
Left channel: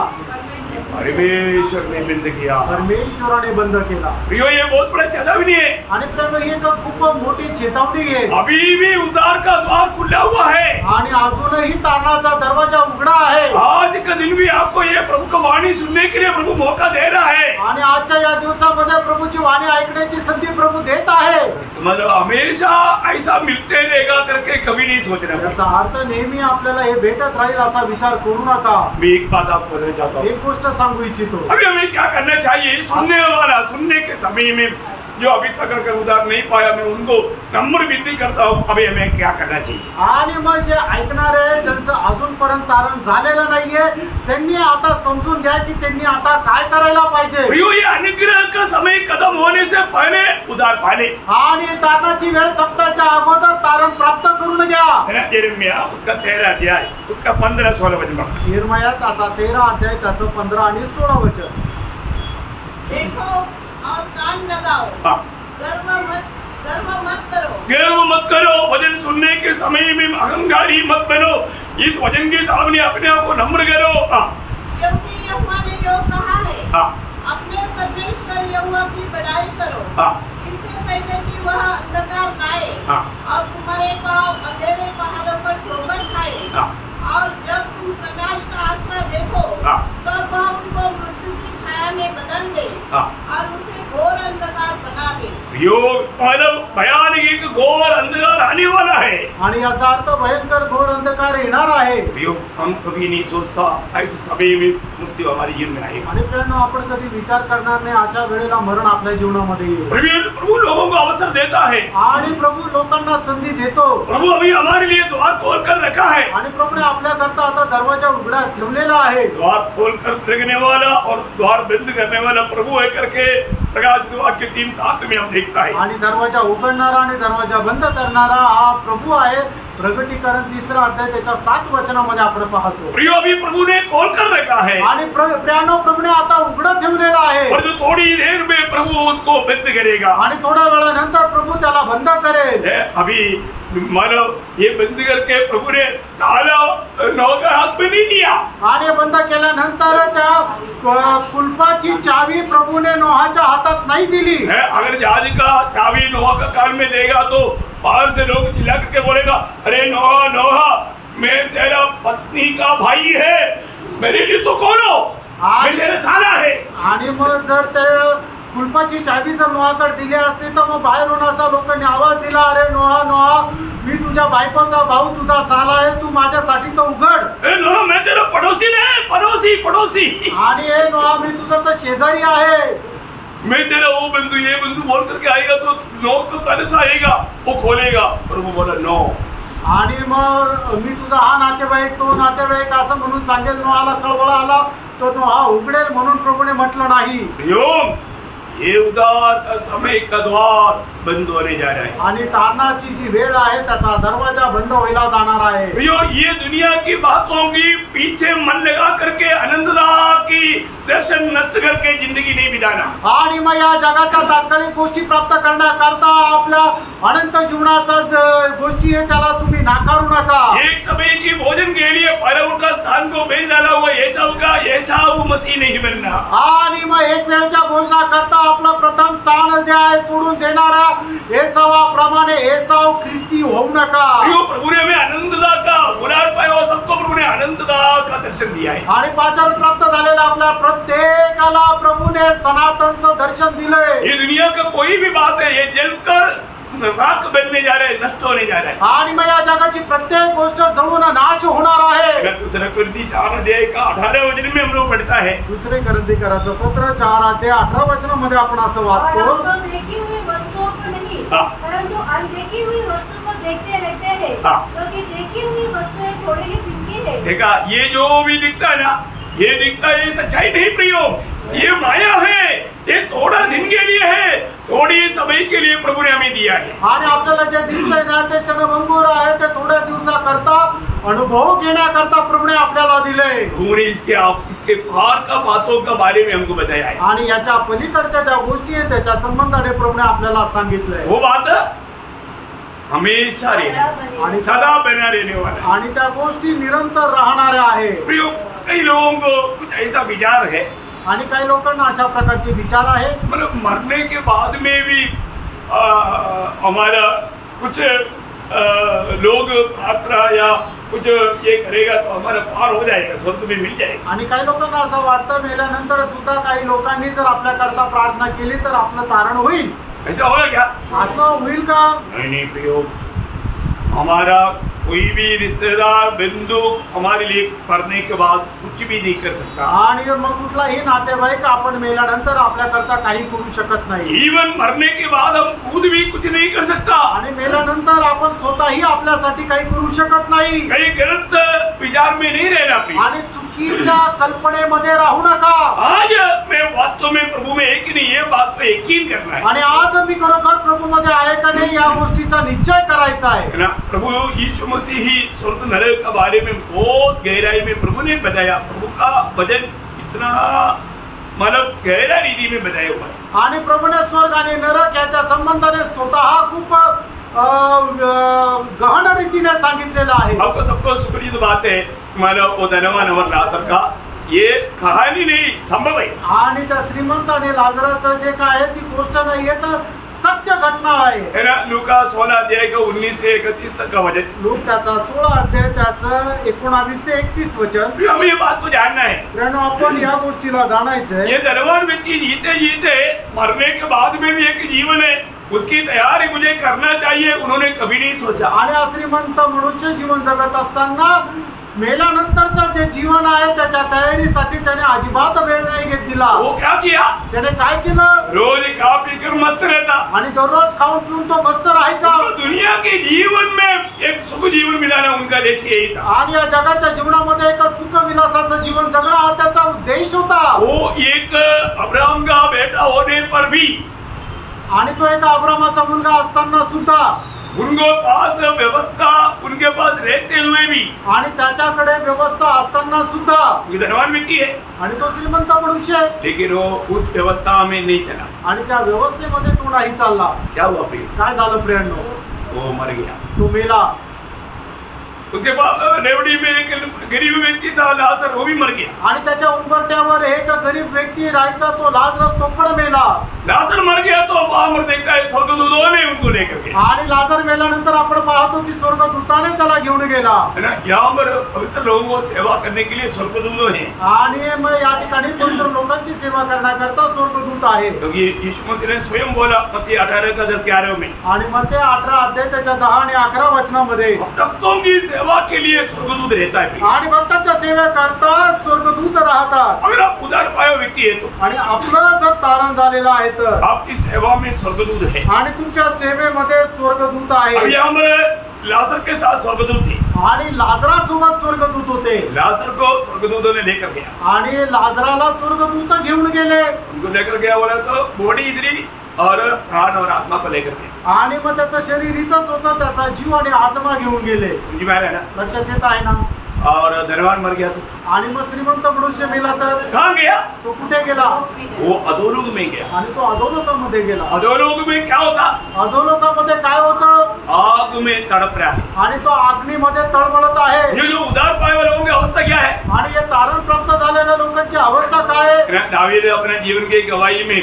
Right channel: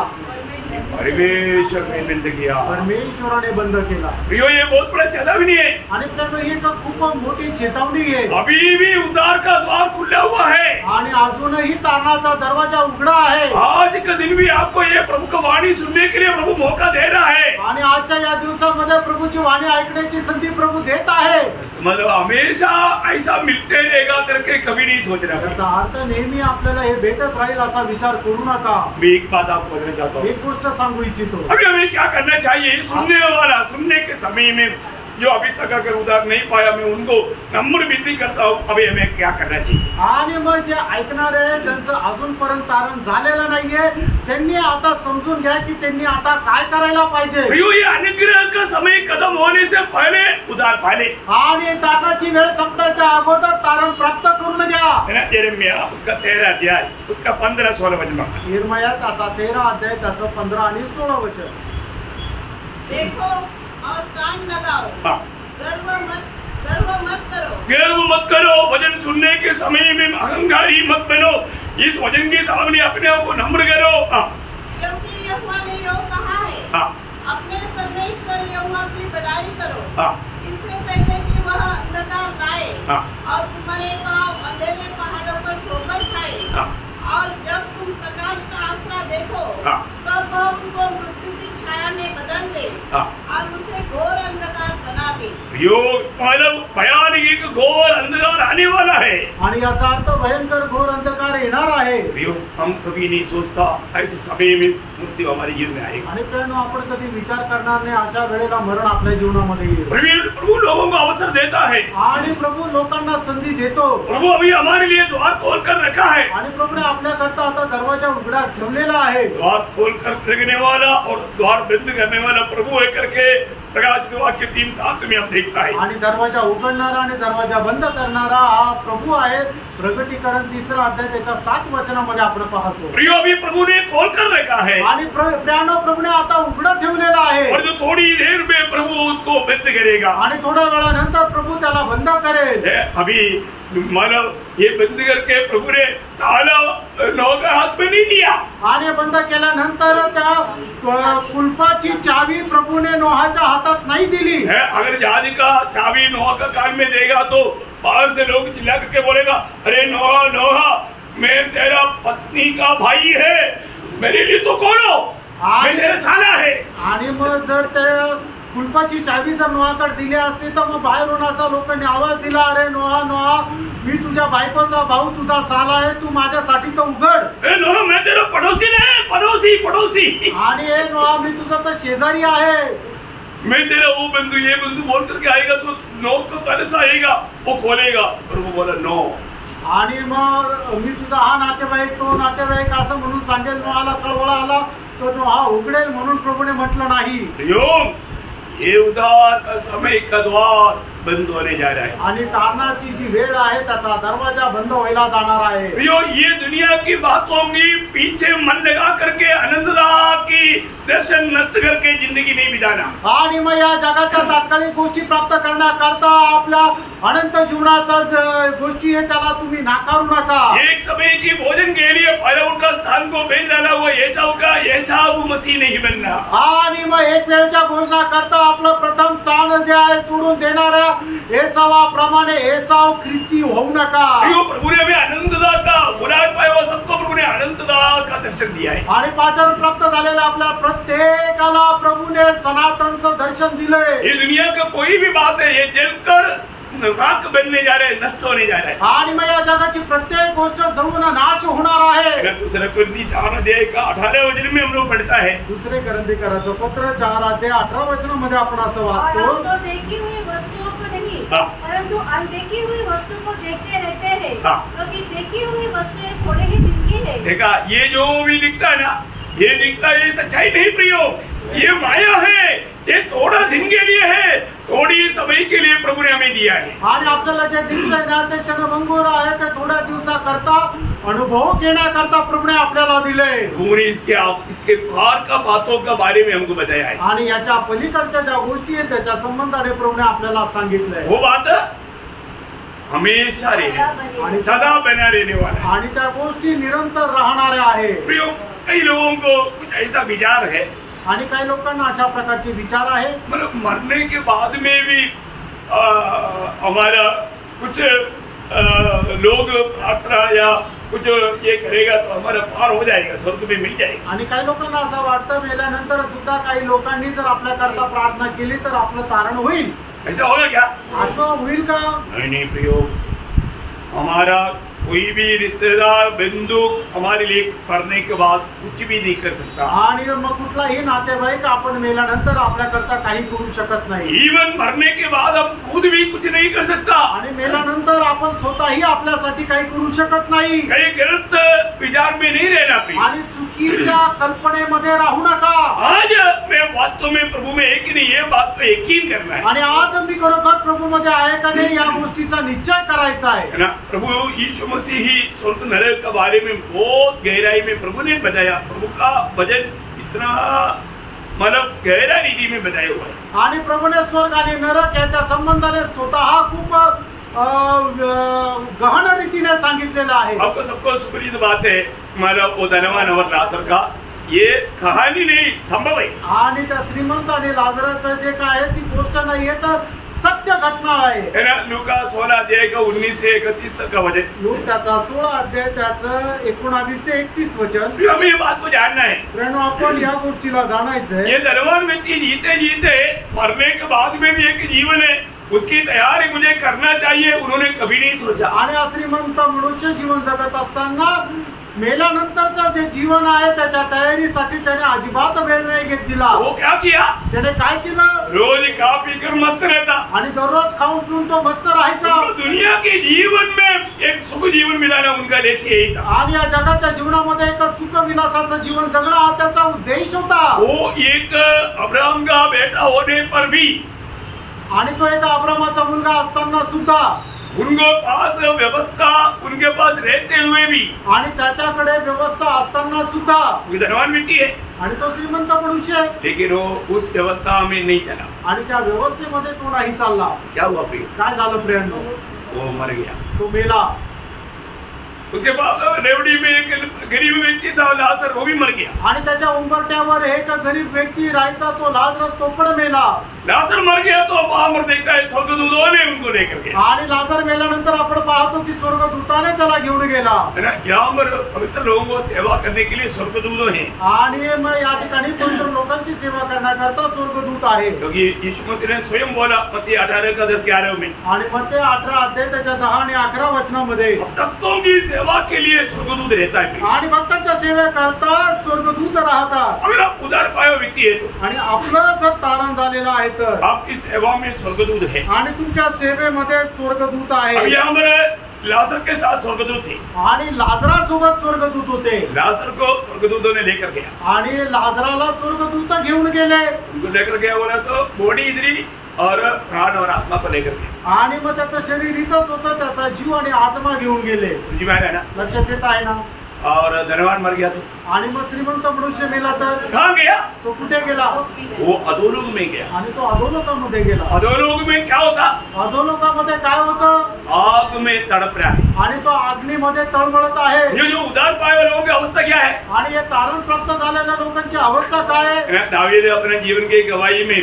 परमेश्वर ने बंद किया. परमेश्वराने बंद केला. प्रियो ये बहुत बड़ा चेतावनी है. आणि प्रियांनो ही एक खूप मोठी चेतावणी आहे. अभी भी उद्धार का द्वार खुला हुआ है. आणि अजूनही तारणाचा दरवाजा उघडा आहे. आज का दिन भी आपको ये प्रभु की वाणी सुनने के लिए प्रभु मौका दे रहा है. आणि आजच्या या दिवसामध्ये प्रभूची वाणी ऐकण्याची संधी प्रभू देत आहे. मतलब हमेशा ऐसा मिलते रहेगा करके कभी नहीं सोचना. याचा अर्थ नेहमी आपल्याला हे भेटत राहील असा विचार करू नका. मैं एक बात आपको बताना चाहता हूँ. एक गोष्ट सांगू इच्छितो. अभी हमें क्या करना चाहिए, सुनने वाला सुनने के समय में जो अभी तक अगर उधार नहीं पाया, मैं उनको नम्र विनती करता हूँ, अभी हमें क्या करना चाहिए. आणि मग जे ऐकणारे ज्यांचं अजूनपर्यंत तारण झालेलं नाहीये त्यांनी आता समजून घ्या की त्यांनी आता काय करायला पाहिजे. प्रियो ये अनुग्रह का समय खत्म होने से पहले उधार पाले. आणि तारणाची वेळ संपण्याच्या अगोदर तारण प्राप्त करून घ्या. यिर्मयाह उसका 13 अध्याय उसका 15-16 वचन. यिर्मयाह त्याचा 13 अध्याय त्याचं 15 आणि 16 वचन. देखो और कान लगाओ, हाँ. गर्व मत करो. गर्व मत करो, वचन सुनने के समय में अहंकारी मत बनो. इस वचन के सामने अपने आप को नम्र करो. हाँ. क्योंकि यहोवा ने यो कहा है, हाँ. अपने परमेश्वर यहोवा की बड़ाई करो. हाँ. इससे पहले कि वह अंधकार लाए हाँ. और तुम्हारे पांव अंधेरे पहाड़ों पर ठोकर खाए. हाँ. और जब तुम प्रकाश का आसरा देखो, हाँ. तब वह तुमको मृत्यु की छाया में बदल दे. हाँ. और उसे घोर अंधकार बना दे. मतलब भयानक एक घोर अंधकार आने वाला है. आणि याचा अर्थ भयंकर घोर अंधकार येणार आहे. हम कभी नहीं सोचता ऐसे समय में मृत्यू हमारे जीवन में आएगा. आणि प्रियांनो आपण कधी विचार करणार नाही अशा वेळेला मरण आपल्या जीवनामध्ये येईल. प्रभु लोगों को अवसर देता है. आणि प्रभू लोकांना संधी देतो. प्रभु अभी हमारे लिए द्वार खोल कर रखा है. आणि प्रभूने आपल्या करता आता दरवाजा उघडा ठेवलेला आहे. द्वार खोल कर रखने वाला और द्वार बंद करने वाला प्रभु है करके प्रकाश वाक्य 3:7 में हम देखता है. आणि दरवाजा उघडणारा आणि दरवाजा बंद करणारा हा प्रभू आहे. प्रगटीकरण 3 अध्याय त्याच्या 7 वचनामध्ये आपण पाहतो. प्रियो अभी प्रभु ने खोल कर रखा है. आणि प्रियांनो प्रभूने आता उघडं ठेवलेला आहे. और जो थोड़ी देर में प्रभु उसको बंद करेगा. आणि थोड्या वेळानंतर प्रभू त्याला बंद करेल. अभी मानो ये बंद करके प्रभु ने ताला नोहा के हाथ में नहीं दिया. आणि बंद केल्यानंतर त्या कुलपाची चावी प्रभूने नोहाच्या हातात नाही दिली. अगर जहाज का चावी नोहा का कान में देगा तो बाहर से लोग चिल्ला करके बोलेगा, अरे नोहा नोहा मैं तेरा पत्नी का भाई है, मेरे लिए तो खोलो, मैं तेरा साला है. आणि मग जर ते कुलपाची चावी जर नोहाकडे दिली असती तर मग बाहेरून असा लोकांनी आवाज दिला, अरे नोहा नोहा, मी तुझ्या बायकोचा भाऊ, तुझा साला आहे, तू माझ्यासाठी तर उघड. ए नोहा, मैं तेरा पड़ोसी नहीं, पड़ोसी पड़ोसी. आणि हे नोहा, मी तुझा तर शेजारी आहे. मैं तेरा वो बंधु ये बंधु बोल करके आएगा तो नोट को पहले से आएगा, वो खोलेगा. प्रभु बोला नो. आणि मग मी तुझा हा नातेवाईक तो नातेवाईक असं म्हणून सांगेल, नोहाला कळवळा आला तो नोहा उघडेल म्हणून प्रभूने म्हटलं नाही. प्रियोम, ये उधार का समय का द्वार बंद होने जा रहा है. आणि तारणाची जी वेळ आहे त्याचा दरवाजा बंद व्हायला जाणार आहे. प्रियो, ये दुनिया की बातों की पीछे मन लगा करके आनंददा की दर्शन नष्ट करके जिंदगी नहीं बिताना. आणि मग या जगाच्या तात्कालिक गोष्टी प्राप्त करण्याकरता आपल्या अनंत जीवनाचा गोष्टी आहे त्याला तुम्ही नाकारू नका. एक समय की भोजन के लिए पहले उनका स्थान को भेज डाला हुआ येसाऊ का येसाऊ मसीह नहीं बनना. आणि मग एक वेळच्या भोजनाकरता आपलं प्रथम स्थान जे आहे सोडून देणाऱ्या एसावाप्रमाणे एसाव ख्रिस्ती होऊ नका. प्रियो, प्रभु ने हमें आनंददा का बुलाहट पाया हुआ सबको प्रभु ने आनंददा का दर्शन दिया है. आणि पाचारण प्राप्त झालेल्या आपल्या प्रत्येकाला प्रभूने सनातनचं दर्शन दिलंय. ये दुनिया का कोई भी बात है, ये जलकर राख बनने जा रहे, नष्ट होने जा रहा है. आणि मग या जगाची प्रत्येक गोष्ट जळून नाश होणार आहे. दूसरा कुरिन्थी 4 अध्याय का 18 वचन में हम लोग पढ़ता है. दुसरे करंथीकराचं पत्र 4 अध्याय 18 वचनामध्ये आपण असं वाचतो, और हम तो देखी हुई वस्तुओं को नहीं परंतु अनदेखी हुई वस्तु को देखते रहते हैं, क्योंकि देखी हुई वस्तुएं थोड़े ही दिन की है. देखा, ये जो भी लिखता है ना, ये दिखता है, ये सच्चाई नहीं प्रियो, ये माया है. ये थोड़ा दिन के लिए है, थोड़ी समय के लिए प्रभु ने हमें दिया है. आणि आपल्याला जे दिसतंय ना ते क्षणभंगुर आहे, ते थोड्या दिवसाकरता अनुभव घेण्याकरता प्रभूने आपल्याला दिले. प्रभु ने इसके पार का बातों का बारे में हमको बताया है. आणि याच्या पलीकडच्या ज्या गोष्टी आहेत त्याच्या संबंधाने प्रभूने आपल्याला सांगितलंय. वो बात हमेशा रहने आणि सदा बना रहने वाला. आणि त्या गोष्टी निरंतर राहणाऱ्या आहे. प्रियो, कई लोगों को कुछ ऐसा विचार है, आणि काही लोकांना अशा प्रकारचे विचार आहे, मतलब मरने के बाद में भी हमारा कुछ लोग प्रार्थना या कुछ ये करेगा तो हमारा पार हो जाएगा, स्वर्ग में मिल जाएगा. आणि काही लोकांना असं वाटतं मेल्यानंतर सुद्धा काही लोकांनी जर आपल्याकरता प्रार्थना केली तर आपलं तारण होईल. ऐसा होगा क्या? असं होईल का? नहीं प्रियो, हमारा कोई भी रिश्तेदार बंधु हमारे लिए मरने के बाद कुछ भी नहीं कर सकता. आणि मग कुठलाही नातेवाईक आपण मेल्यानंतर आपल्याकरता काही करू शकत नाही. इवन मरने के बाद हम खुद भी कुछ नहीं कर सकता. आणि मेल्यानंतर आपण स्वतःही आपल्यासाठी काही करू शकत नाही. कहीं गलत विचार में नहीं रहना प्रिय. आणि चुकीच्या कल्पनेमध्ये राहू नका. आज मैं वास्तव में प्रभु में है कि नहीं, ये बात पे यकीन करना है. आणि आज मी खरोखर प्रभू मध्ये आहे का नाही या गोष्टीचा निश्चय करायचा आहे. है ना. प्रभु यीशु मसीह ही स्वर्ग नरक के बारे में बहुत गहराई में प्रभु ने बताया. प्रभु का वचन इतना मतलब गहरा रीति में बताया हुआ है. आणि प्रभूने स्वर्ग आणि नरक याच्या संबंधाने स्वतः खूप गहन रीतीने सांगितलेलं आहे. आपको सबको सुपरिचित बात है, मतलब वो धनवान और लाजर का, ये कहानी नहीं, संभव है. आणि त्या श्रीमंत आणि लाजराचं जे काय आहे ती गोष्ट नाहीये तर सत्य घटना आहे. है ना. लूका 16 अध्याय का 19 से 31 तक का वचन. लूक त्याचा 16 अध्याय त्याचं 19 ते 31 वचन. हमें ये बात को जानना है. प्रेरणा आपण या गोष्टीला जाणायचंय. ये धनवान व्यक्ति जीते जीते मरने के बाद में भी एक जीवन है, उसकी तैयारी मुझे करना चाहिए, उन्होंने कभी नहीं सोचा. आणि श्रीमंत मनुष्य जीवन जगत असताना मेल्यानंतरचं जे जीवन आहे त्याच्या तयारीसाठी त्याने अजिबात वेळ नाही घेत दिला. वो क्या किया? त्याने काय केलं? रोज खा पी कर मस्त रहता आणि दररोज खाऊन पिऊन तो मस्त राहायचा. उनको दुनिया के जीवन में एक सुख जीवन मिलाना उनका लक्ष्य यही था. आणि या जगाच्या जीवनामध्ये एक सुख विलासाचं जीवन जगणं हा त्याचा उद्देश होता. वो एक अब्राहम का बेटा होने पर भी, आणि तो एका अब्रामाचा मुलगा असताना सुद्धा, उनके पास व्यवस्था उनके पास रहते हुए भी, आणि त्याच्याकडे व्यवस्था असताना सुद्धा, धनवान व्यक्ति है आणि तो श्रीमंत मनुष्य आहे, लेकिन वो उस व्यवस्था में नहीं चला. आणि त्या व्यवस्थेमध्ये तो नाही चालला. क्या हुआ प्रिय? काय झालं प्रियांनो? वो मर गया. तो मेला. उसके बाद रेवड़ी में एक गरीब व्यक्ति था लाजर, वो भी मर गया. आणि त्याच्या उंबरट्यावर एक गरीब व्यक्ती राहायचा, तो लाजर तो पण मेला. लाजर मर गया तो वहां देखता है स्वर्गदूतों ने उनको लेकर के. आणि लाजर मेल्यानंतर आपण पाहतो की स्वर्गदूताने त्याला घेऊन गेला है ना। यहाँ पर पवित्र लोगों को सेवा करने के लिए स्वर्गदूत हैं, आणि मग या ठिकाणी पवित्र लोकांची सेवा करण्याकरता स्वर्गदूत आहे. क्योंकि यीशु मसीह ने स्वयं बोला मत्ती 18:10-11 में, आणि मग ते 18 अध्याय त्याच्या 10 आणि 11 वचनामध्ये भक्तों की सेवा के लिए स्वर्गदूत रहता है। आणि भक्तांच्या सेवेकरता स्वर्गदूत राहतात. अगर आप उधार पाया व्यक्ति है तो आणि आपलं जर तारण झालेलं आहे तर आपकी सेवा में स्वर्गदूत है। आणि तुमच्या सेवेमध्ये स्वर्गदूत अब आहे. यहाँ पर लाजर के साथ स्वर्गदूत थे, आणि लाजरासोबत स्वर्गदूत होते. लाजर को स्वर्गदूतों ने लेकर गया, आणि लाजराला स्वर्गदूत घेऊन गेले. उनको लेकर गया बोला तो बॉडी इधरी और प्राण और आत्मा को लेकर गया। आणि मग त्याचं शरीर इथंच होतं, त्याचा जीव आणि आत्मा घेऊन गेले. समझ में आ रहा है ना। लक्षात येत आहे ना. और धनवान मर गया तो आणि मग श्रीमंत मनुष्य मेला तर कहाँ गया? तो कुठे गेला? वो अधोलोक में गया। आणि तो अधोलोकामध्ये गेला. अधोलोक में क्या होता? अधोलोकामध्ये काय होतं? आग में तड़प रहा है। आणि तो अग्नीमध्ये तळमळत आहे. ये जो उधार पाए वाले लोगों की अवस्था क्या है? आणि हे तारण प्राप्त झालेल्या लोकांची अवस्था काय आहे? दावीद अपने जीवन की गवाही में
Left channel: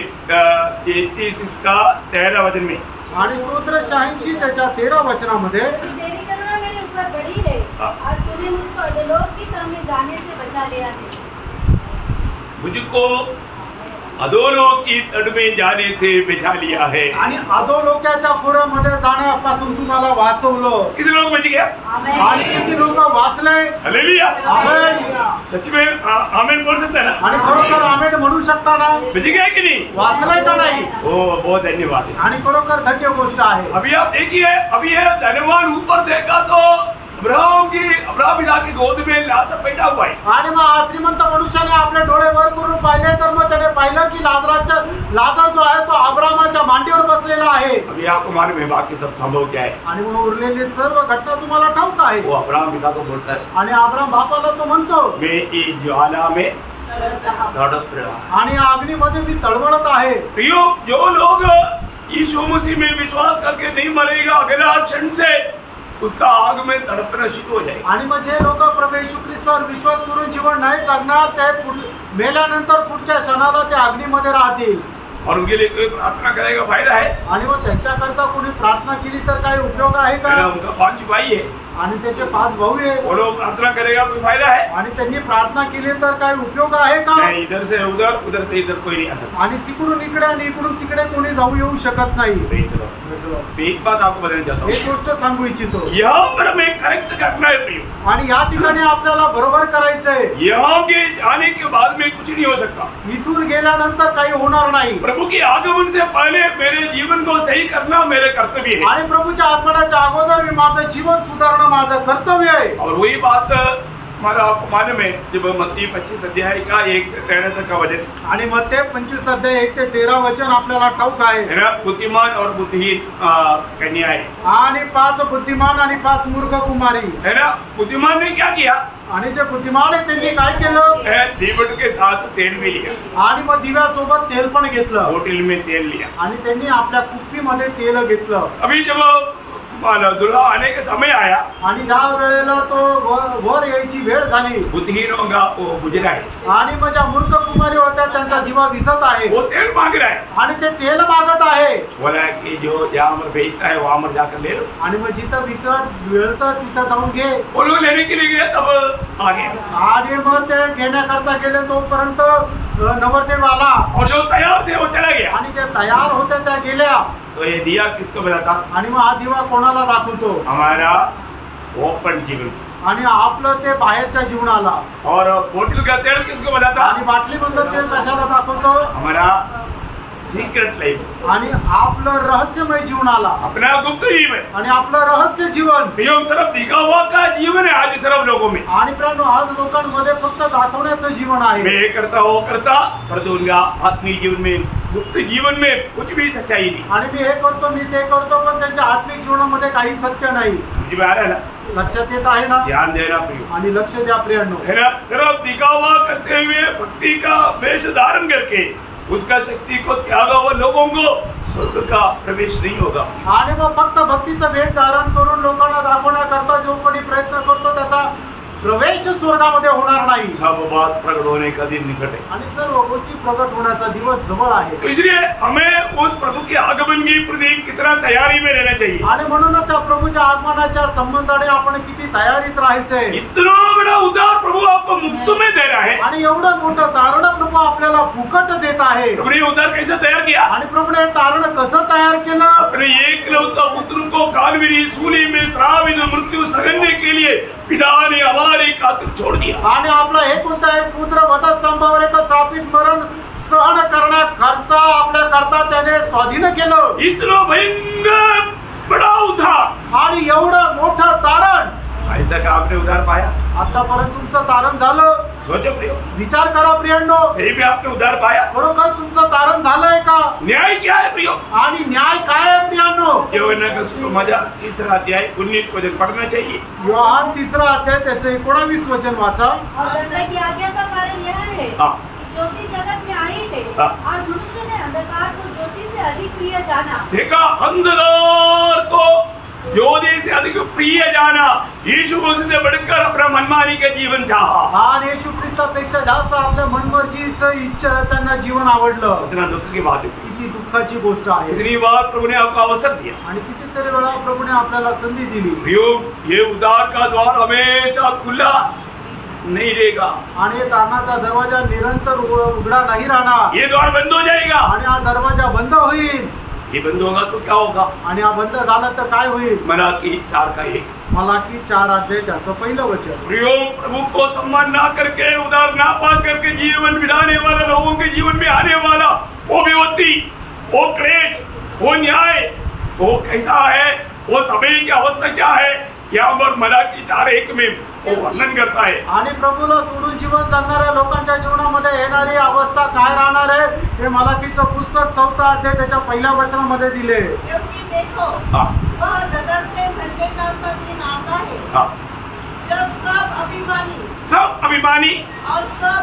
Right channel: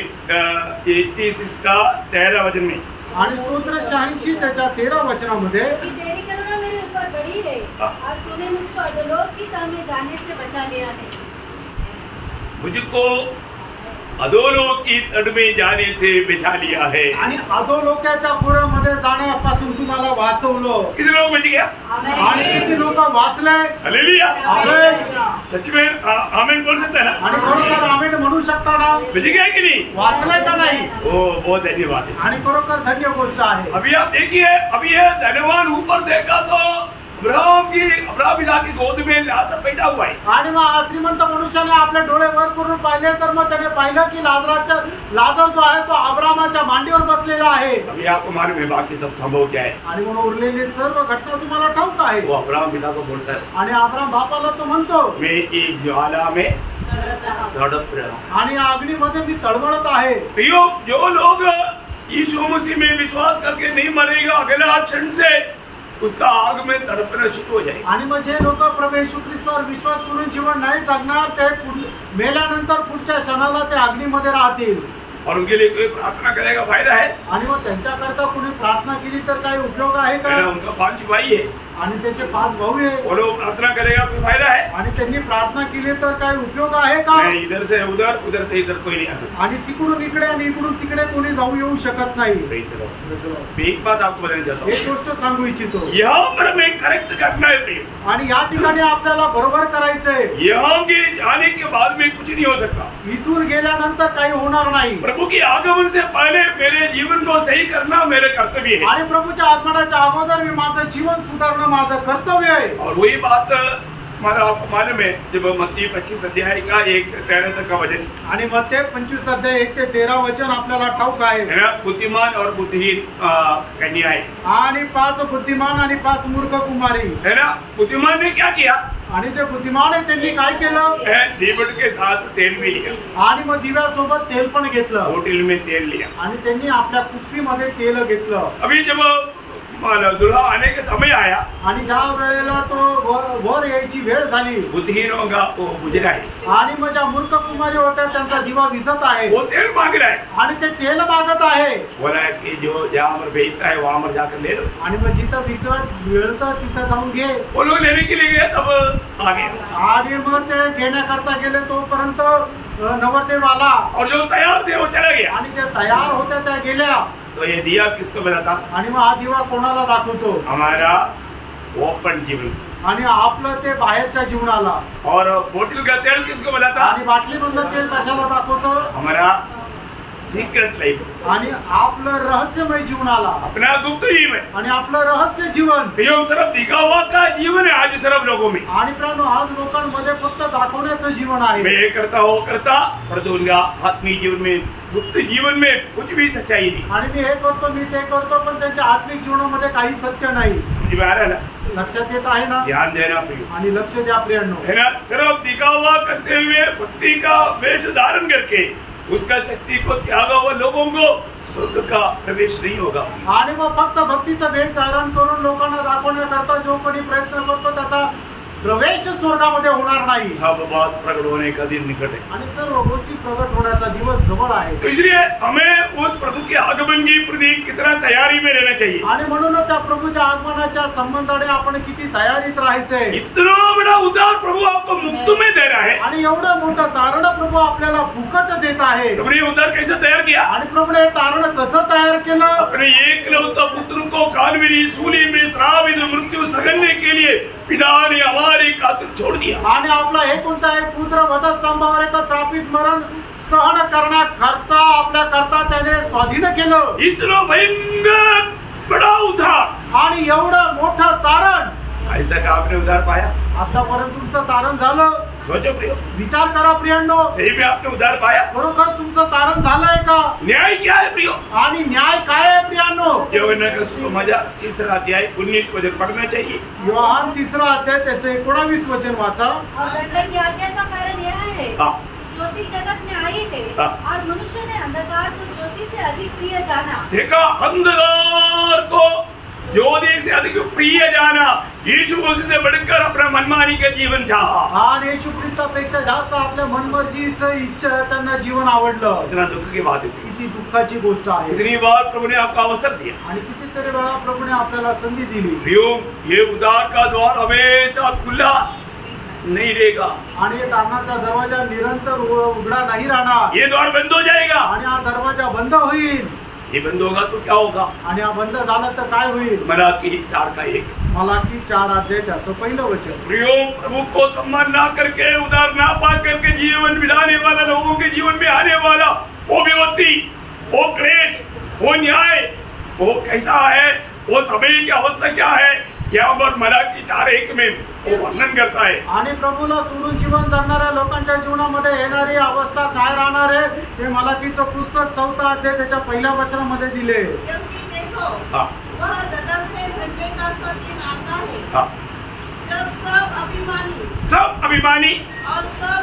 36 का 13 वचन में, आणि स्तोत्र 86 त्याच्या 13 वचनामध्ये कि तेरी करुणा मेरे ऊपर बड़ी है और तूने मुझको अधोलोक की तह में जाने से बचा लिया है। मुझको अधोलोक की तट में जाने से बचा लिया है। आणि अधोलोकाच्या खोऱ्यामध्ये जाण्यापासून तुम्हाला वाचवलं. कितने लोग बच गया? आणि किती लोक वाचले? हालेलुया। आमेन. सच में आमीन बोल सकते हैं ना? आणि खरोखर आमेन म्हणू शकता ना? बच गया कि नहीं? वाचलंय का नाही? ओ बहुत धन्यवाद है। आणि खरोखर धन्य गोष्ट आहे. अभी आप देखिए, अभी ये धनवान ऊपर देखा तो अब्राहम पिता की गोद में लाजर बैठा हुआ है। आणि मग हा श्रीमंत मनुष्याने आपले डोळे वर करून पाहिले तर मग त्याने पाहिलं की लाजर जो आहे तो अब्रामाच्या मांडीवर बसलेला आहे. अभी आपको मालूम है बाकी सब संभव क्या है? आणि मग उरलेली सर्व घटना तुम्हाला ठाऊक आहे. वो अब्राहम पिता को बोलता है, आणि अब्राम बापाला तो म्हणतो मैं एक ज्वाला में तड़प रहा। आणि अग्नीमध्ये मी तळमळत आहे. जो लोग यीशु मसीह में विश्वास करके नहीं मरेगा, अगला क्षण से उसका आग में तड़पना शुरू हो जाएगा। आणि मग जे लोक प्रभू येशू ख्रिस्तावर विश्वास करून जीवन नाही जगणार ते मेल्यानंतर पुढच्या क्षणाला ते अग्नीमध्ये राहतील. और उनके लिए कोई प्रार्थना करेगा फायदा है? आणि मग त्यांच्याकरता कोणी प्रार्थना केली तर काही उपयोग आहे का? उनका 5 भाई है, आणि त्याचे 5 भाऊ आहे. वो लोग प्रार्थना करेगा कोई फायदा है? आणि त्यांनी प्रार्थना केली तर काय उपयोग आहे का? नहीं, इधर से उधर, उधर से इधर कोई नहीं आ सकता। आणि तिकडून इकडे आणि इकडून तिकडे कोणी जाऊ येऊ शकत नाही. चलो, एक बात आपको बताना चाहता एक हूँ, गोष्ट सांगू इच्छितो. यहाँ पर हमें करेक्ट करना है प्रियो। आणि या ठिकाणी आपल्याला बरोबर करायचंय. यहाँ के जाने के बाद में कुछ नहीं हो सकता। इथून गेल्यानंतर काही होणार नाही. प्रभु की आगमन से पहले मेरे जीवन को सही करना मेरे कर्तव्य है। आणि प्रभूच्या आगमनाच्या अगोदर मी माझं जीवन सुधारणं माझं कर्तव्य आहे. और वही बात हमारा आपको मालूम है, जब मत्ती 25 अध्याय का 1 से 13 तक का वचन, आणि मग ते 25 अध्याय 1 ते 13 वचन आपल्याला ठाऊक आहे. है ना, बुद्धिमान और बुद्धिहीन कन्या है। आणि 5 बुद्धिमान आणि 5 मूर्ख कुमारी है ना। बुद्धिमान ने क्या किया? आणि जे बुद्धिमान आहे त्यांनी काय केलं? दीपट के साथ तेल भी लिया, आणि मग दिव्यासोबत तेल पण घेतलं. बोतल में तेल लिया, आणि त्यांनी आपल्या कुप्पीमध्ये तेल घेतलं. अभी जब दुल्हा आने का समय आया, आणि ज्या वेळेला तो वर यायची वेळ झाली, बुद्धिहीनों का वो बुझ रहा है, आणि मग ज्या मूर्ख कुमारी होत्या त्यांचा दिवा विझत आहे, वो तेल मांग रहा है, आणि ते तेल मागत आहे. बोला कि जो जहाँ पर बेचता है वहां पर जाकर ले लो। आणि मग जिथं विकत मिळतं तिथं जाऊन घे. वो लोग लेने के लिए गए, तब आ गया, आणि मग ते घेण्याकरता गेले तोपर्यंत नवरदेव आला, और जो तैयार थे वो चला गया। आणि जे तयार होत्या त्या गेल्या. तो ये दिया किसको बताता? आणि मग हा दिवा कोणाला दाखवतो? हमारा ओपन जीवन। आणि आपलं ते बाहेरच्या जीवनाला. और बोतल का तेल किसको बताता? आणि बाटलीमधलं तेल कशाला दाखवतो? हमारा सीक्रेट लाइफ, आणि आपलं रहस्यमय जीवनाला, अपना गुप्त जीवन, आणि आपलं रहस्य जीवन. ये सिर्फ दिखावा का जीवन है आज सिर्फ लोगों में। आणि प्राणो आज लोकांमध्ये फक्त दाखवण्याचं जीवन आहे. मैं ये करता वो करता, परंतु उनका आत्मिक जीवन में, गुप्त जीवन में कुछ भी सच्चाई नहीं। आणि मी हे करतो मी ते करतो पण त्यांच्या आत्मिक जीवनामध्ये काही सत्य नाही. समझ में आ रहा है ना? लक्षात येत आहे ना? ध्यान देना प्रियो, आणि लक्ष द्या प्रियांनो. है ना। सिर्फ दिखावा करते हुए भक्ति का वेश धारण करके उसका शक्ती को त्यागा हुआ लोगों को स्वर्ग का प्रवेश नहीं होगा। आणि मग फक्त भक्तीचं वेश धारण करून लोकांना दाखवण्याकरता जो कोणी प्रयत्न करतो त्याचा प्रवेश स्वर्गामध्ये होणार नाही. सब बात प्रकट होने का दिन निकट है आणि सर्व गोष्टी प्रकट होण्याचा दिवस जवळ आहे. तो इसलिए हमें उस प्रभु के आगमन की प्रति कितना तैयारी में रहना चाहिए. आणि म्हणूनच त्या प्रभूच्या आगमनाच्या संबंधाने आपण किती तयारीत राहायचंय. इतना बड़ा उद्धार प्रभु आपको मुफ्त में दे रहा है. आणि एवढं मोठं तारण प्रभू आपल्याला फुकट देत आहे. प्रभु ने उद्धार कैसे तैयार किया. आणि प्रभूने हे तारण कसं तयार केलं. अपने एकलौता पुत्र को कालवरी सूली में श्रावित मृत्यू सहने के लिए पिता ने हमारे खातिर छोड़ दिया. आणि आपला हे कोणता एक पुत्र वधस्तंभावर एक श्रापित मरण सहन करण्याकरता आपल्या करता त्याने स्वाधीन केलं. इतना भयंकर बड़ा उद्धार. आणि एवढं मोठं तारण. आज तक आपने उद्धार पाया. आतापर्यंत तुमचं तारण झालं. सोचो प्रियो, विचार करा प्रियांनो, सही में आपने उद्धार पाया. खरोखर तुमचं तारण झालंय का. न्याय क्या है प्रियो. आणि न्याय काय आहे प्रियांनो. योहान का सुसमाचार 3 अध्याय 19 वचन पढ़ना चाहिए. योहान 3 अध्याय त्याचे 19 वचन वाचा. और की आज्ञा का कारण यह है, ज्योति जगत में आई है और मनुष्य ने अंधकार को ज्योति से अधिक प्रिय जाना. देखा, अंधकार को ज्योति से अधिक प्रिय जाना. यीशु मसीह से बढ़कर अपना मनमानी के जीवन चाहा. आणि येशू ख्रिस्तापेक्षा जास्त आपल्या मनमर्जीचं इच्छा त्यांना जीवन आवडलं. इतना दुख की बात है. किती दुःखाची गोष्ट आहे. इतनी बार प्रभु ने आपको अवसर दिया. आणि कितीतरी वेळा प्रभूने आपल्याला संधी दिली. प्रियो, ये उद्धार का द्वार हमेशा खुला नहीं रहेगा. आणि या तारणाचा दरवाजा निरंतर उघडा नाही राहणार. ये द्वार बंद हो जाएगा. आणि हा दरवाजा बंद होईल. ये बंद होगा तो क्या होगा. आणि हा बंद झाला तर काय होईल. मलाकी 4:1. मलाकी 4 अध्याय त्याचं 1 वचन. प्रियो, प्रभु को सम्मान ना करके, उद्धार ना पा करके जीवन बिताने वाला, लोगों के जीवन में आने वाला वो विपत्ति, वो क्लेश, वो न्याय, वो कैसा है, वो समय की अवस्था क्या है, यहाँ पर मलाकी 4:1 में वो वर्णन करता है. आणि प्रभूला सोडून जीवन जगणाऱ्या लोकांच्या जीवनामध्ये येणारी अवस्था काय राहणार आहे हे मलाकीचं पुस्तक 4 अध्याय त्याच्या 1 वचनामध्ये दिले. क्योंकि देखो, वह बदलते घंटे का सा दिन आता है जब सब अभिमानी और सब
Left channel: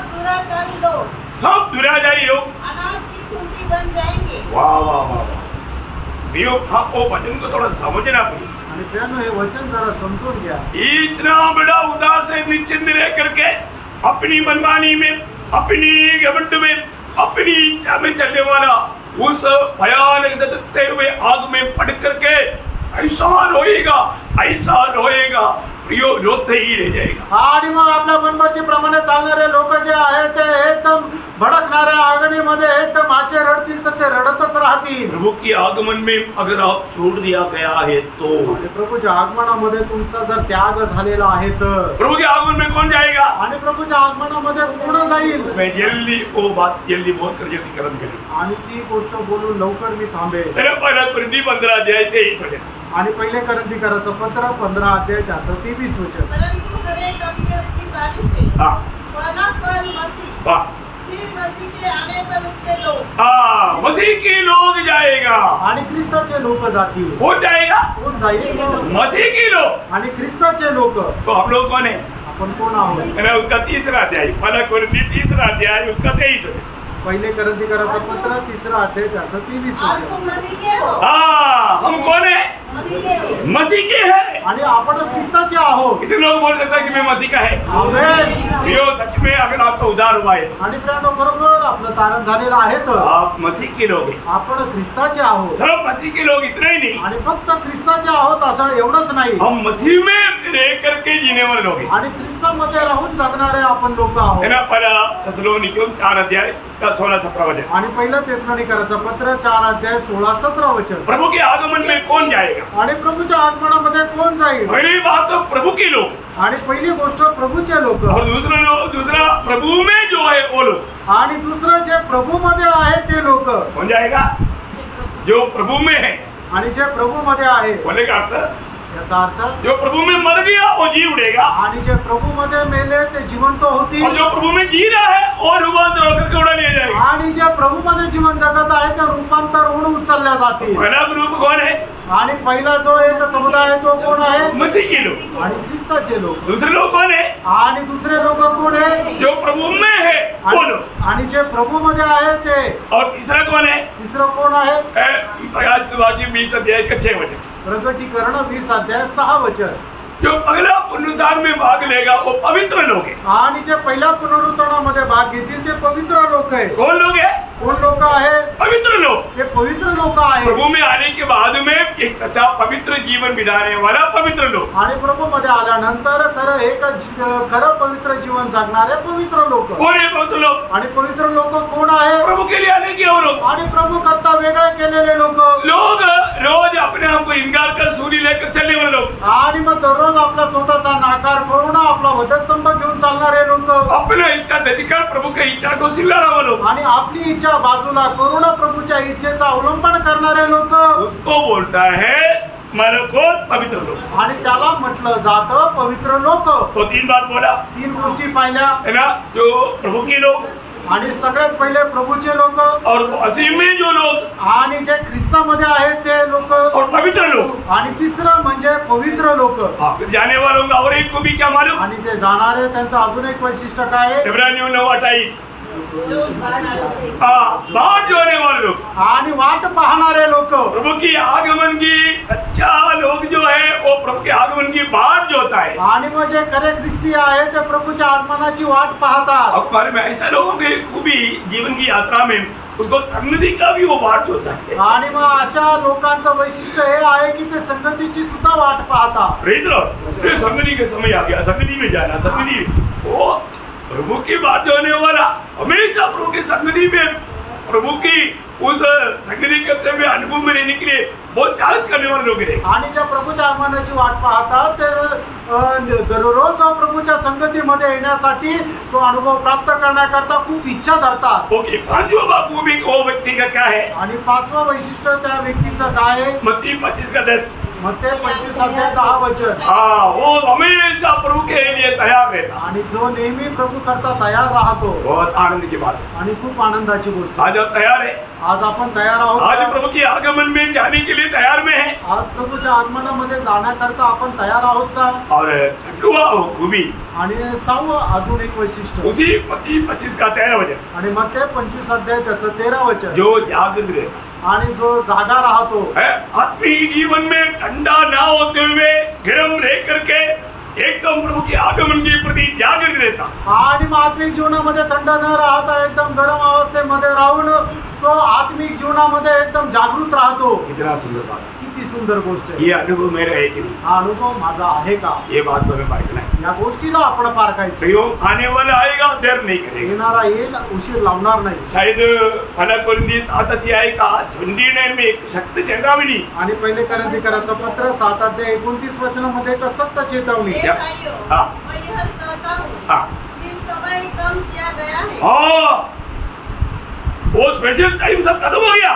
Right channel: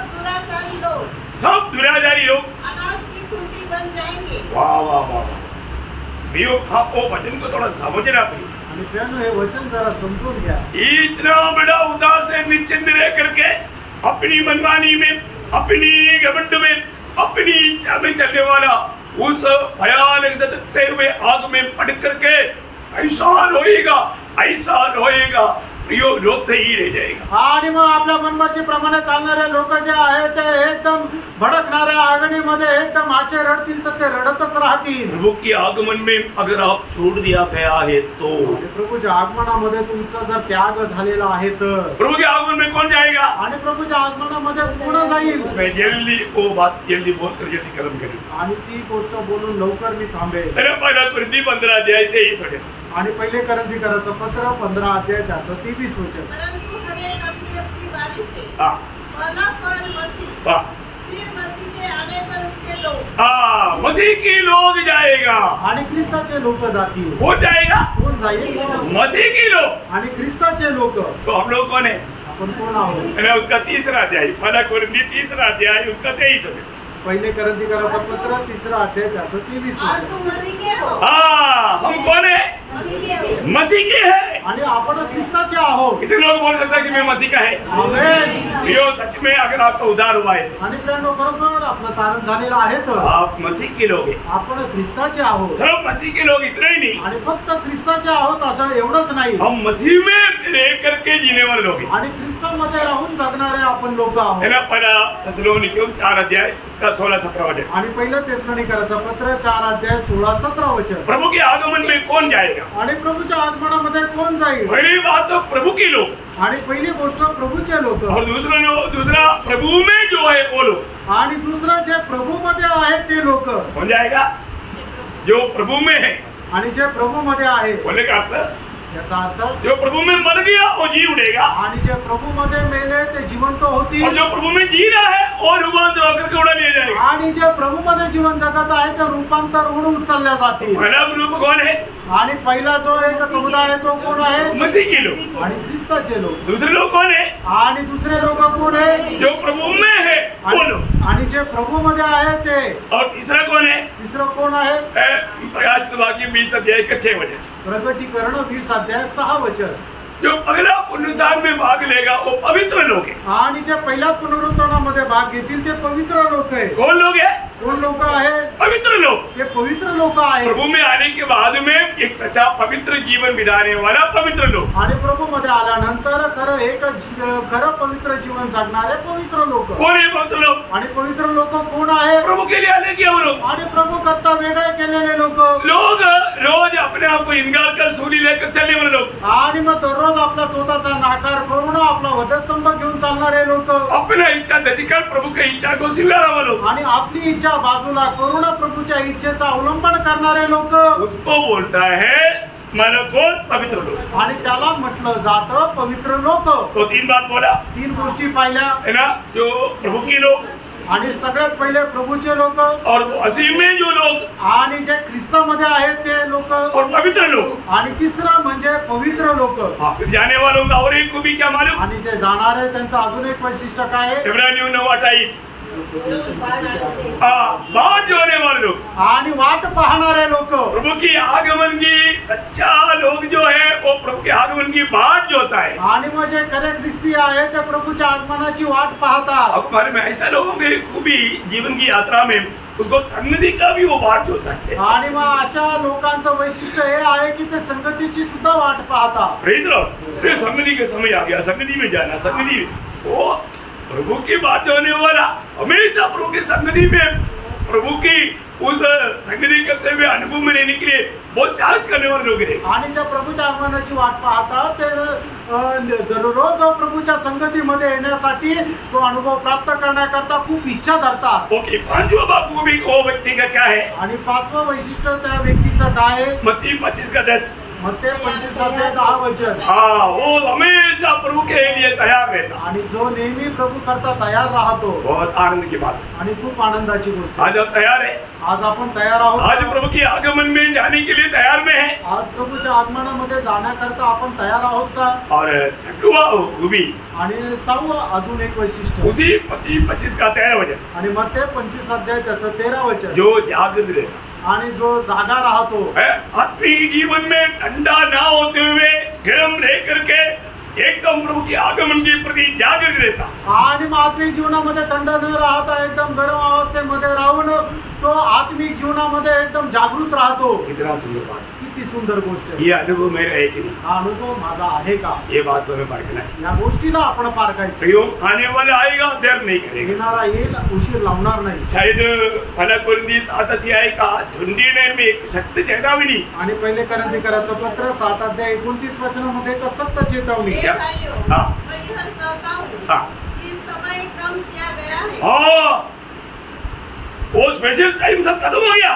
दुराचारी लोग अनाज की खुंटी बन जाएंगे. वाह वाह वाह वाह. प्रियो, आपको वचन को थोड़ा समझना पड़ेगा. आणि प्रियांनो, हे वचन जरा समजून घ्या. इतना बड़ा उद्धार से निश्चिंत रह करके अपनी मनमानी में, अपनी घमंड में, अपनी इच्छा में चलने वाला उस भयानक धधकते हुए आग में पड़ करके ऐसा रोएगा प्रियो, रोते ही रह जाएगा. आणि मग आपल्या मनमर्जीप्रमाणे चालणारे लोक जे आहेत ते एकदम भडकणाऱ्या आगीमध्ये एकदम असे रडतील तर ते रडतच राहतील. प्रभु के आगमन में अगर आप छोड़ दिया गया है तो, आणि प्रभूच्या आगमनामध्ये तुमचा जर त्याग झालेला आहे तर, प्रभु के आगमन में कौन जाएगा. आणि प्रभूच्या आगमनामध्ये कोण जाईल. मैं जल्दी वो बात जल्दी बोलकर जल्दीकरण करूँ. आणि ती गोष्ट बोलून लवकर मी थांबेल. पहिला कोरिन्थी 15 अध्याय 23 वचन. आणि 1 कोरिन्थीकराचं पत्र 15 अध्याय त्याचं 23 वचन. परंतु हर एक अपनी अपनी बारी से पहला फल मसीह, फिर मसीह के आने पर उसके लोग. मसीह के लोग जाएगा. आणि ख्रिस्ताचे लोक जातील. कौन जाएगा. कोण जाईल. मसीह के लोग. आणि ख्रिस्ताचे लोक. तो हम लोग कौन है. आपण कोण आहोत. उसका 3 अध्याय, पहिला कोरिन्थी 3 अध्याय उसका 23 वचन. 1 कोरिन्थीकराचं पत्र 3 अध्याय त्याचं 23 और वचन. तुम मसीह के हो. हम कौन है. मसीह के है. आणि आपण ख्रिस्ताचे आहोत. कितने लोग बोल सकते हैं कि मैं मसीह का है. आमेन. प्रियो, सच में अगर आपका उद्धार हुआ है आणि प्रियांनो, बरोबर आपलं तारण झालेलं आहे तर आप मसीह के लोग हैं. आपण ख्रिस्ताचे आहोत. सिर्फ मसीह के लोग इतना ही नहीं, आणि फक्त ख्रिस्ताचे आहोत असं एवढंच नाही, हम मसीह में रह करके जीने वाले लोग हैं. आणि ख्रिस्तामध्ये राहून जगणारे आपण लोक आहोत. है ना. पहिला थेसलोनिकैयों 4 अध्याय उसका 16-17 वचन. आणि 1 थेसलोनिकराचं पत्र 4 अध्याय 16-17 वचन. प्रभु के आगमन में कौन जाएगा. आणि प्रभूच्या आगमनामध्ये कोण जाईल. पहली बात तो प्रभु के लोग, आणि पहिली गोष्ट प्रभूचे लोक, और दूसरा प्रभु में जो है वो लोग. आणि दुसरं जे प्रभूमध्ये आहे ते लोक. कौन जाएगा. जो प्रभु में है. आणि जे प्रभूमध्ये आहे. बोले का अर्थ. याचा अर्थ जो प्रभु में मर गया वो जी उठेगा. आणि जे प्रभूमध्ये मेले ते जिवंत होतील. और जो प्रभु में जी रहा है और रूपांतर होकर के उड़ा लिया जाएगा. आणि जे प्रभूमध्ये जीवन जगत आहे ते रूपांतर होऊन उचलल्या जातील. पहला ग्रुप कौन है. आणि पहिला जो एक समुदाय आहे तो कोण आहे. मसीह के लोग. आणि ख्रिस्ताचे लोक. दूसरे लोग कौन है. आणि दुसरे लोक कोण आहे. जो प्रभु में है वो लोग. आणि जे प्रभूमध्ये आहे ते. और तीसरा कौन है. तिसरं कोण आहे. प्रकाशित वाक्य 20 अध्याय 6 वचन. प्रकटीकरण 20 अध्याय 6 वचन. जो पहला पुनरुत्थान में भाग लेगा वो पवित्र लोग है। आणि जे पहिल्या पुनरुत्थानामध्ये भाग घेतील ते पवित्र लोक आहे. कौन लोग है? कोण लोक आहे? पवित्र लोग. ते पवित्र लोक आहे. प्रभु में आने के बाद में एक सच्चा पवित्र जीवन बिताने वाला पवित्र लोग. आणि प्रभू मध्ये आल्यानंतर खरं पवित्र जीवन जगणारे पवित्र लोक. कौन है पवित्र लोग? आणि पवित्र लोक कोण आहे? प्रभु के लिए आने के वो लोग. आणि प्रभू करता वेगळे केलेले लोक. लोग रोज अपने आप को इनकार कर सूली लेकर चलने वाले लोग. आणि मग दररोज आपला स्वतःचा नाकार करून आपला वधस्तंभ घेऊन चालणारे लोक. अपना इच्छा त्याचीकर प्रभु की इच्छा को स्वीकारा वाले लोग. आणि आपली इच्छा बाजूला करून प्रभूच्या इच्छेचा अवलंबन करणारे लोक. उसको बोलता है मलकोत पवित्र लोग. आणि त्याला म्हटलं जातं पवित्र लोक. तो 3 बात बोला. 3 गोष्टी पाहिल्या है ना, जो प्रभु के लोग आणि सगळ्यात पहिले प्रभूचे लोक और मसीह में जो लोग आणि जे ख्रिस्तामध्ये आहेत ते लोक और पवित्र लोग. आणि तिसरं म्हणजे पवित्र लोक. फिर जाने वालों का और एक को भी क्या मालूम? आणि जे जाणारे त्यांचं अजून एक वैशिष्ट्य काय आहे? इब्रानियों 9:28 बात जो होने वाले लोग आणि वाट पाहणारे लोक. प्रभु की आगमन की सच्चा लोग जो है वो प्रभु के आगमन की बाट जो होता है. आणि मग जे खरे ख्रिस्ती आहे ते प्रभूच्या आगमनाची वाट पाहतात. अब हमारे में ऐसा लोगों की खूबी जीवन की यात्रा में उसको संगति का भी वो बाट होता है. आणि मग अशा लोकांचं वैशिष्ट्य हे आहे की ते संगतीची सुद्धा वाट पाहतात. Praise Lord. फिर संगति के समय आ गया, संगति में जाना, संगति में वो प्रभु की बात होने वाला हमेशा प्रभु की संगति में प्रभु की उस संगति करते हुए अनुभव में रहने के लिए बहुत चाहत करने वाले लोग हैं. आणि ज्या प्रभूच्या आगमनाची वाट पाहतात ते दररोज प्रभूच्या संगतीमध्ये येण्यासाठी तो अनुभव प्राप्त करण्याकरता खूप इच्छा धरतात. ओके, 5वां बात वो व्यक्ति का क्या है? आणि 5वं वैशिष्ट्य त्या व्यक्तीचं काय आहे? मत्ती 25:10. मत्ती 25:10 हाँ, वो हमेशा प्रभु के लिए तैयार रहता. आणि जो नेहमी प्रभु करता तयार राहतो. बहुत आनंद की बात है. आणि खूप आनंदाची गोष्ट. आज आप तैयार है? आज आपण तयार आहोत. आज प्रभु के आगमन में जाने के लिए तैयार में है. आज प्रभूच्या आगमनामध्ये जाण्याकरता आपण तयार आहोत का? और 6वां खूबी आणि 6वं अजून एक वैशिष्ट्य उसी मत्ती 25:13 आणि मत्ती 25 त्याचं 13 वचन. जो जागृत रहता आणि जो जागा राहतो. आत्मिक जीवन में ठंडा ना होते हुए गर्म रह करके एकदम प्रभु के आगमन के प्रति जागृत रहता. आणि मग आत्मिक जीवनामध्ये थंड न राहता एकदम गरम अवस्थेमध्ये राहून तो आत्मिक जीवनामध्ये एकदम जागृत राहतो. कितना सुंदर बात. किती सुंदर गोष्ट आहे. ये अनुभव मेरा है कि नहीं? हा अनुभव माझा आहे का? ये बात तो हमें पारखना है. या गोष्टीला आपण पारखायचं. कहीं आने वाला आएगा, देर नहीं करेगा. येणारा येईल, उशीर लावणार नाही. शायद मला कोरिंथी 7 का झुंडी में एक सख्त चेतावनी. आणि पहिले कोरिंथीकराचं पत्र 7:29 मध्ये एक सक्त चेतावणी. हाँ. मैं यह कहता हूँ हाँ. कि समय कम किया गया है. हाँ, वो स्पेशल टाइम सब खत्म हो गया.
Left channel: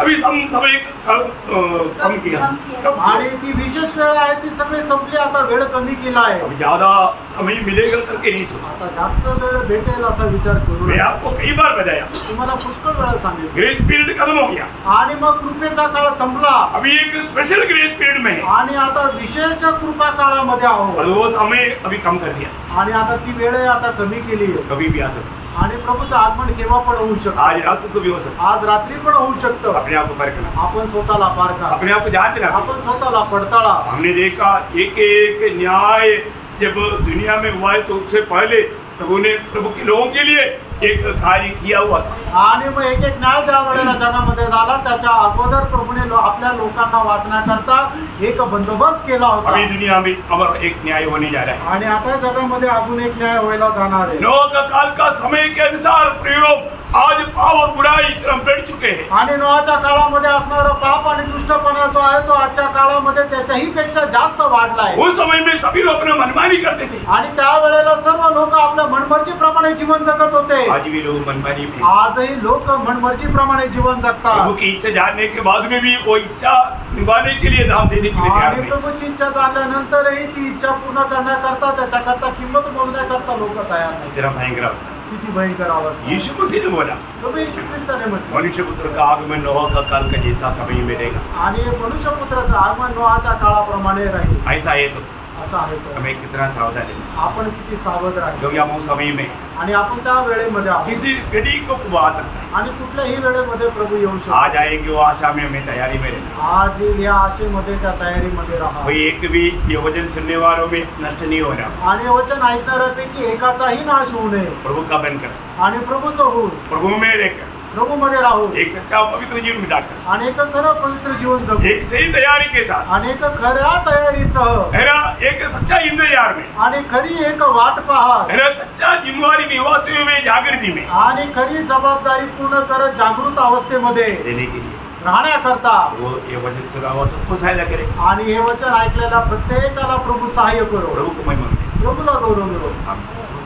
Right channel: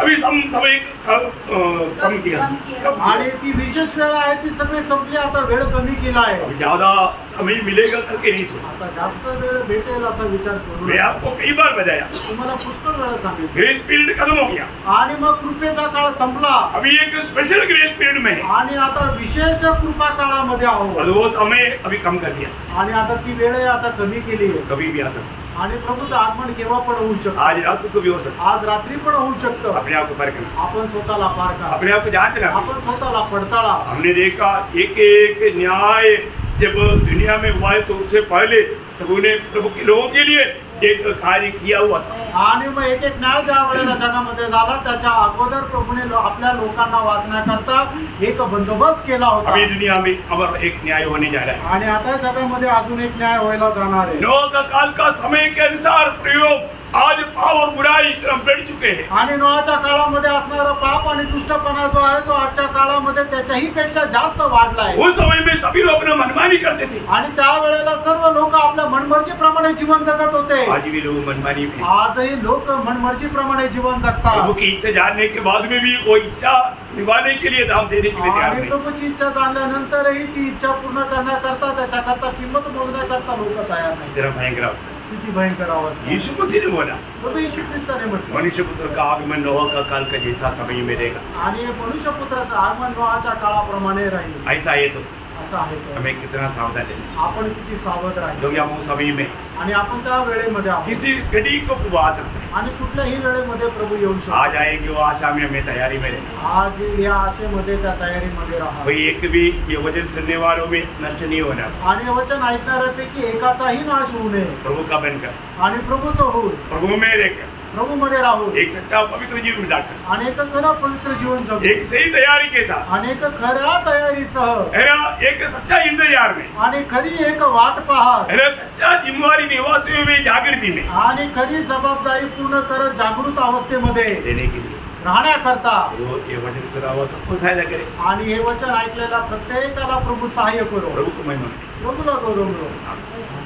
अभी समय कम किया. आणि ती विशेष वेळ आहे ती सगळी संपली. आता वेळ कमी केला आहे. अभी ज्यादा समय मिलेगा करके नहीं सुना. आता जास्त वेळ भेटेल असा विचार करू मैं नका. आपको कई बार बताया तुम्हाला पुष्कळ वेळा सांगितलं. ग्रेस पीरियड खत्म हो गया. आणि मग कृपेचा काळ संपला. अभी एक स्पेशल ग्रेस पीरियड में है आणि आता विशेष कृपा काळामध्ये आहोत. और वो समय अभी कम कर दिया. आणि आता ती वेळ आता कमी केली आहे. कभी भी आ सकता. आणि प्रभूचं आगमन केव्हा पण होऊ शकतं. आज रात को भी हो सकता. आज रात्री पण होऊ शकतं. अपने आप को परखना, आपण स्वतःला पारखा. अपने आप को जांचना. आपण स्वतःला पडताळा. हमने देखा एक एक न्याय जब दुनिया में हुआ है तो उससे पहले प्रभु ने प्रभु के लोगों के लिए एक कार्य किया हुआ था. आणि मग एक एक न्याय ज्या वेळेला जगामध्ये झाला त्याच्या अगोदर प्रभूने आपल्या लोकांना वाचण्याकरता एक बंदोबस्त केला होता. अभी दुनिया में अब एक न्याय होने जा रहा है. आणि आता जगामध्ये अजून एक न्याय व्हायला जाणार आहे. नोह का काल का समय के अनुसार प्रयोग आज पाप और बुराई क्रम बढ़ चुके हैं. आणि नोआच्या काळामध्ये असणारा पाप आणि दुष्टपणा जो आहे तो आजच्या काळामध्ये त्याच्याही पेक्षा जास्त वाढलाय. उस समय में सभी लोग अपना मनमानी करते थे. आणि त्यावेळेला सर्व लोक आपल्या मनमर्जीप्रमाणे जीवन जगत होते. आज भी लोग मनमानी में. आजही लोक मनमर्जीप्रमाणे जीवन जगतात. प्रभु की इच्छा जानने के बाद में भी वो इच्छा निभाने के लिए दाम देने के लिए तैयार आणि नहीं. प्रभूची इच्छा जाणल्यानंतरही ती इच्छा पूर्ण करण्याकरता त्याच्याकरता किंमत मोजण्याकरता लोक तयार नाही. तेरा भयंकर अवस्था. किती भयंकर अवस्था. यीशु मसीह ने बोला प्रभू येशू ख्रिस्ताने म्हटलं मनुष्य पुत्र का आगमन नोह का काल का जैसा समय में रहेगा. आणि मनुष्य पुत्राचं आगमन नोआच्या काळाप्रमाणे राहील. ऐसा है तो असं आहे तो. हमें कितना सावधान रहना. आपण किती सावध क्योंकि राहायचं. हम उस समय में आणि आपण त्या वेळेमध्ये आहोत. किसी घड़ी को प्रभु आ सकता है. आणि कुठल्याही वेळेमध्ये प्रभु येऊ आज शकतो. आएगी वो आशा में हमें तैयारी में रहना. आज येईल या आशेमध्ये त्या तयारीमध्ये राहा. कोई एक भी ये वचन सुनने वालों में नष्ट नहीं होना. आणि हे वचन ऐकणाऱ्यापैकी एकाचाही नाश होऊ नये. प्रभु का बनकर, आणि प्रभूचं होऊन प्रभु में रहकर, प्रभू मध्ये राहून एक सच्चा पवित्र जीवन बिताकर, आणि एक खरं पवित्र जीवन जगू. एक सही तैयारी के साथ, आणि एक खऱ्या तयारीसह, है ना, एक सच्चा इंतजार में, आणि खरी एक वाट पाहत, है ना, सच्चा जिम्मेवारी निभाते हुए जागृति में आणि खरी जबाबदारी पूर्ण करत जागृत अवस्थेमध्ये देने के लिए राहण्याकरता वो ये वचन सुना हुआ सबको सहायता करे. आणि हे वचन ऐकलेल्या प्रत्येकाला प्रभू सहाय्य करो. प्रभु को महिमा मिले. प्रभूला गौरव मिळो. आमीन.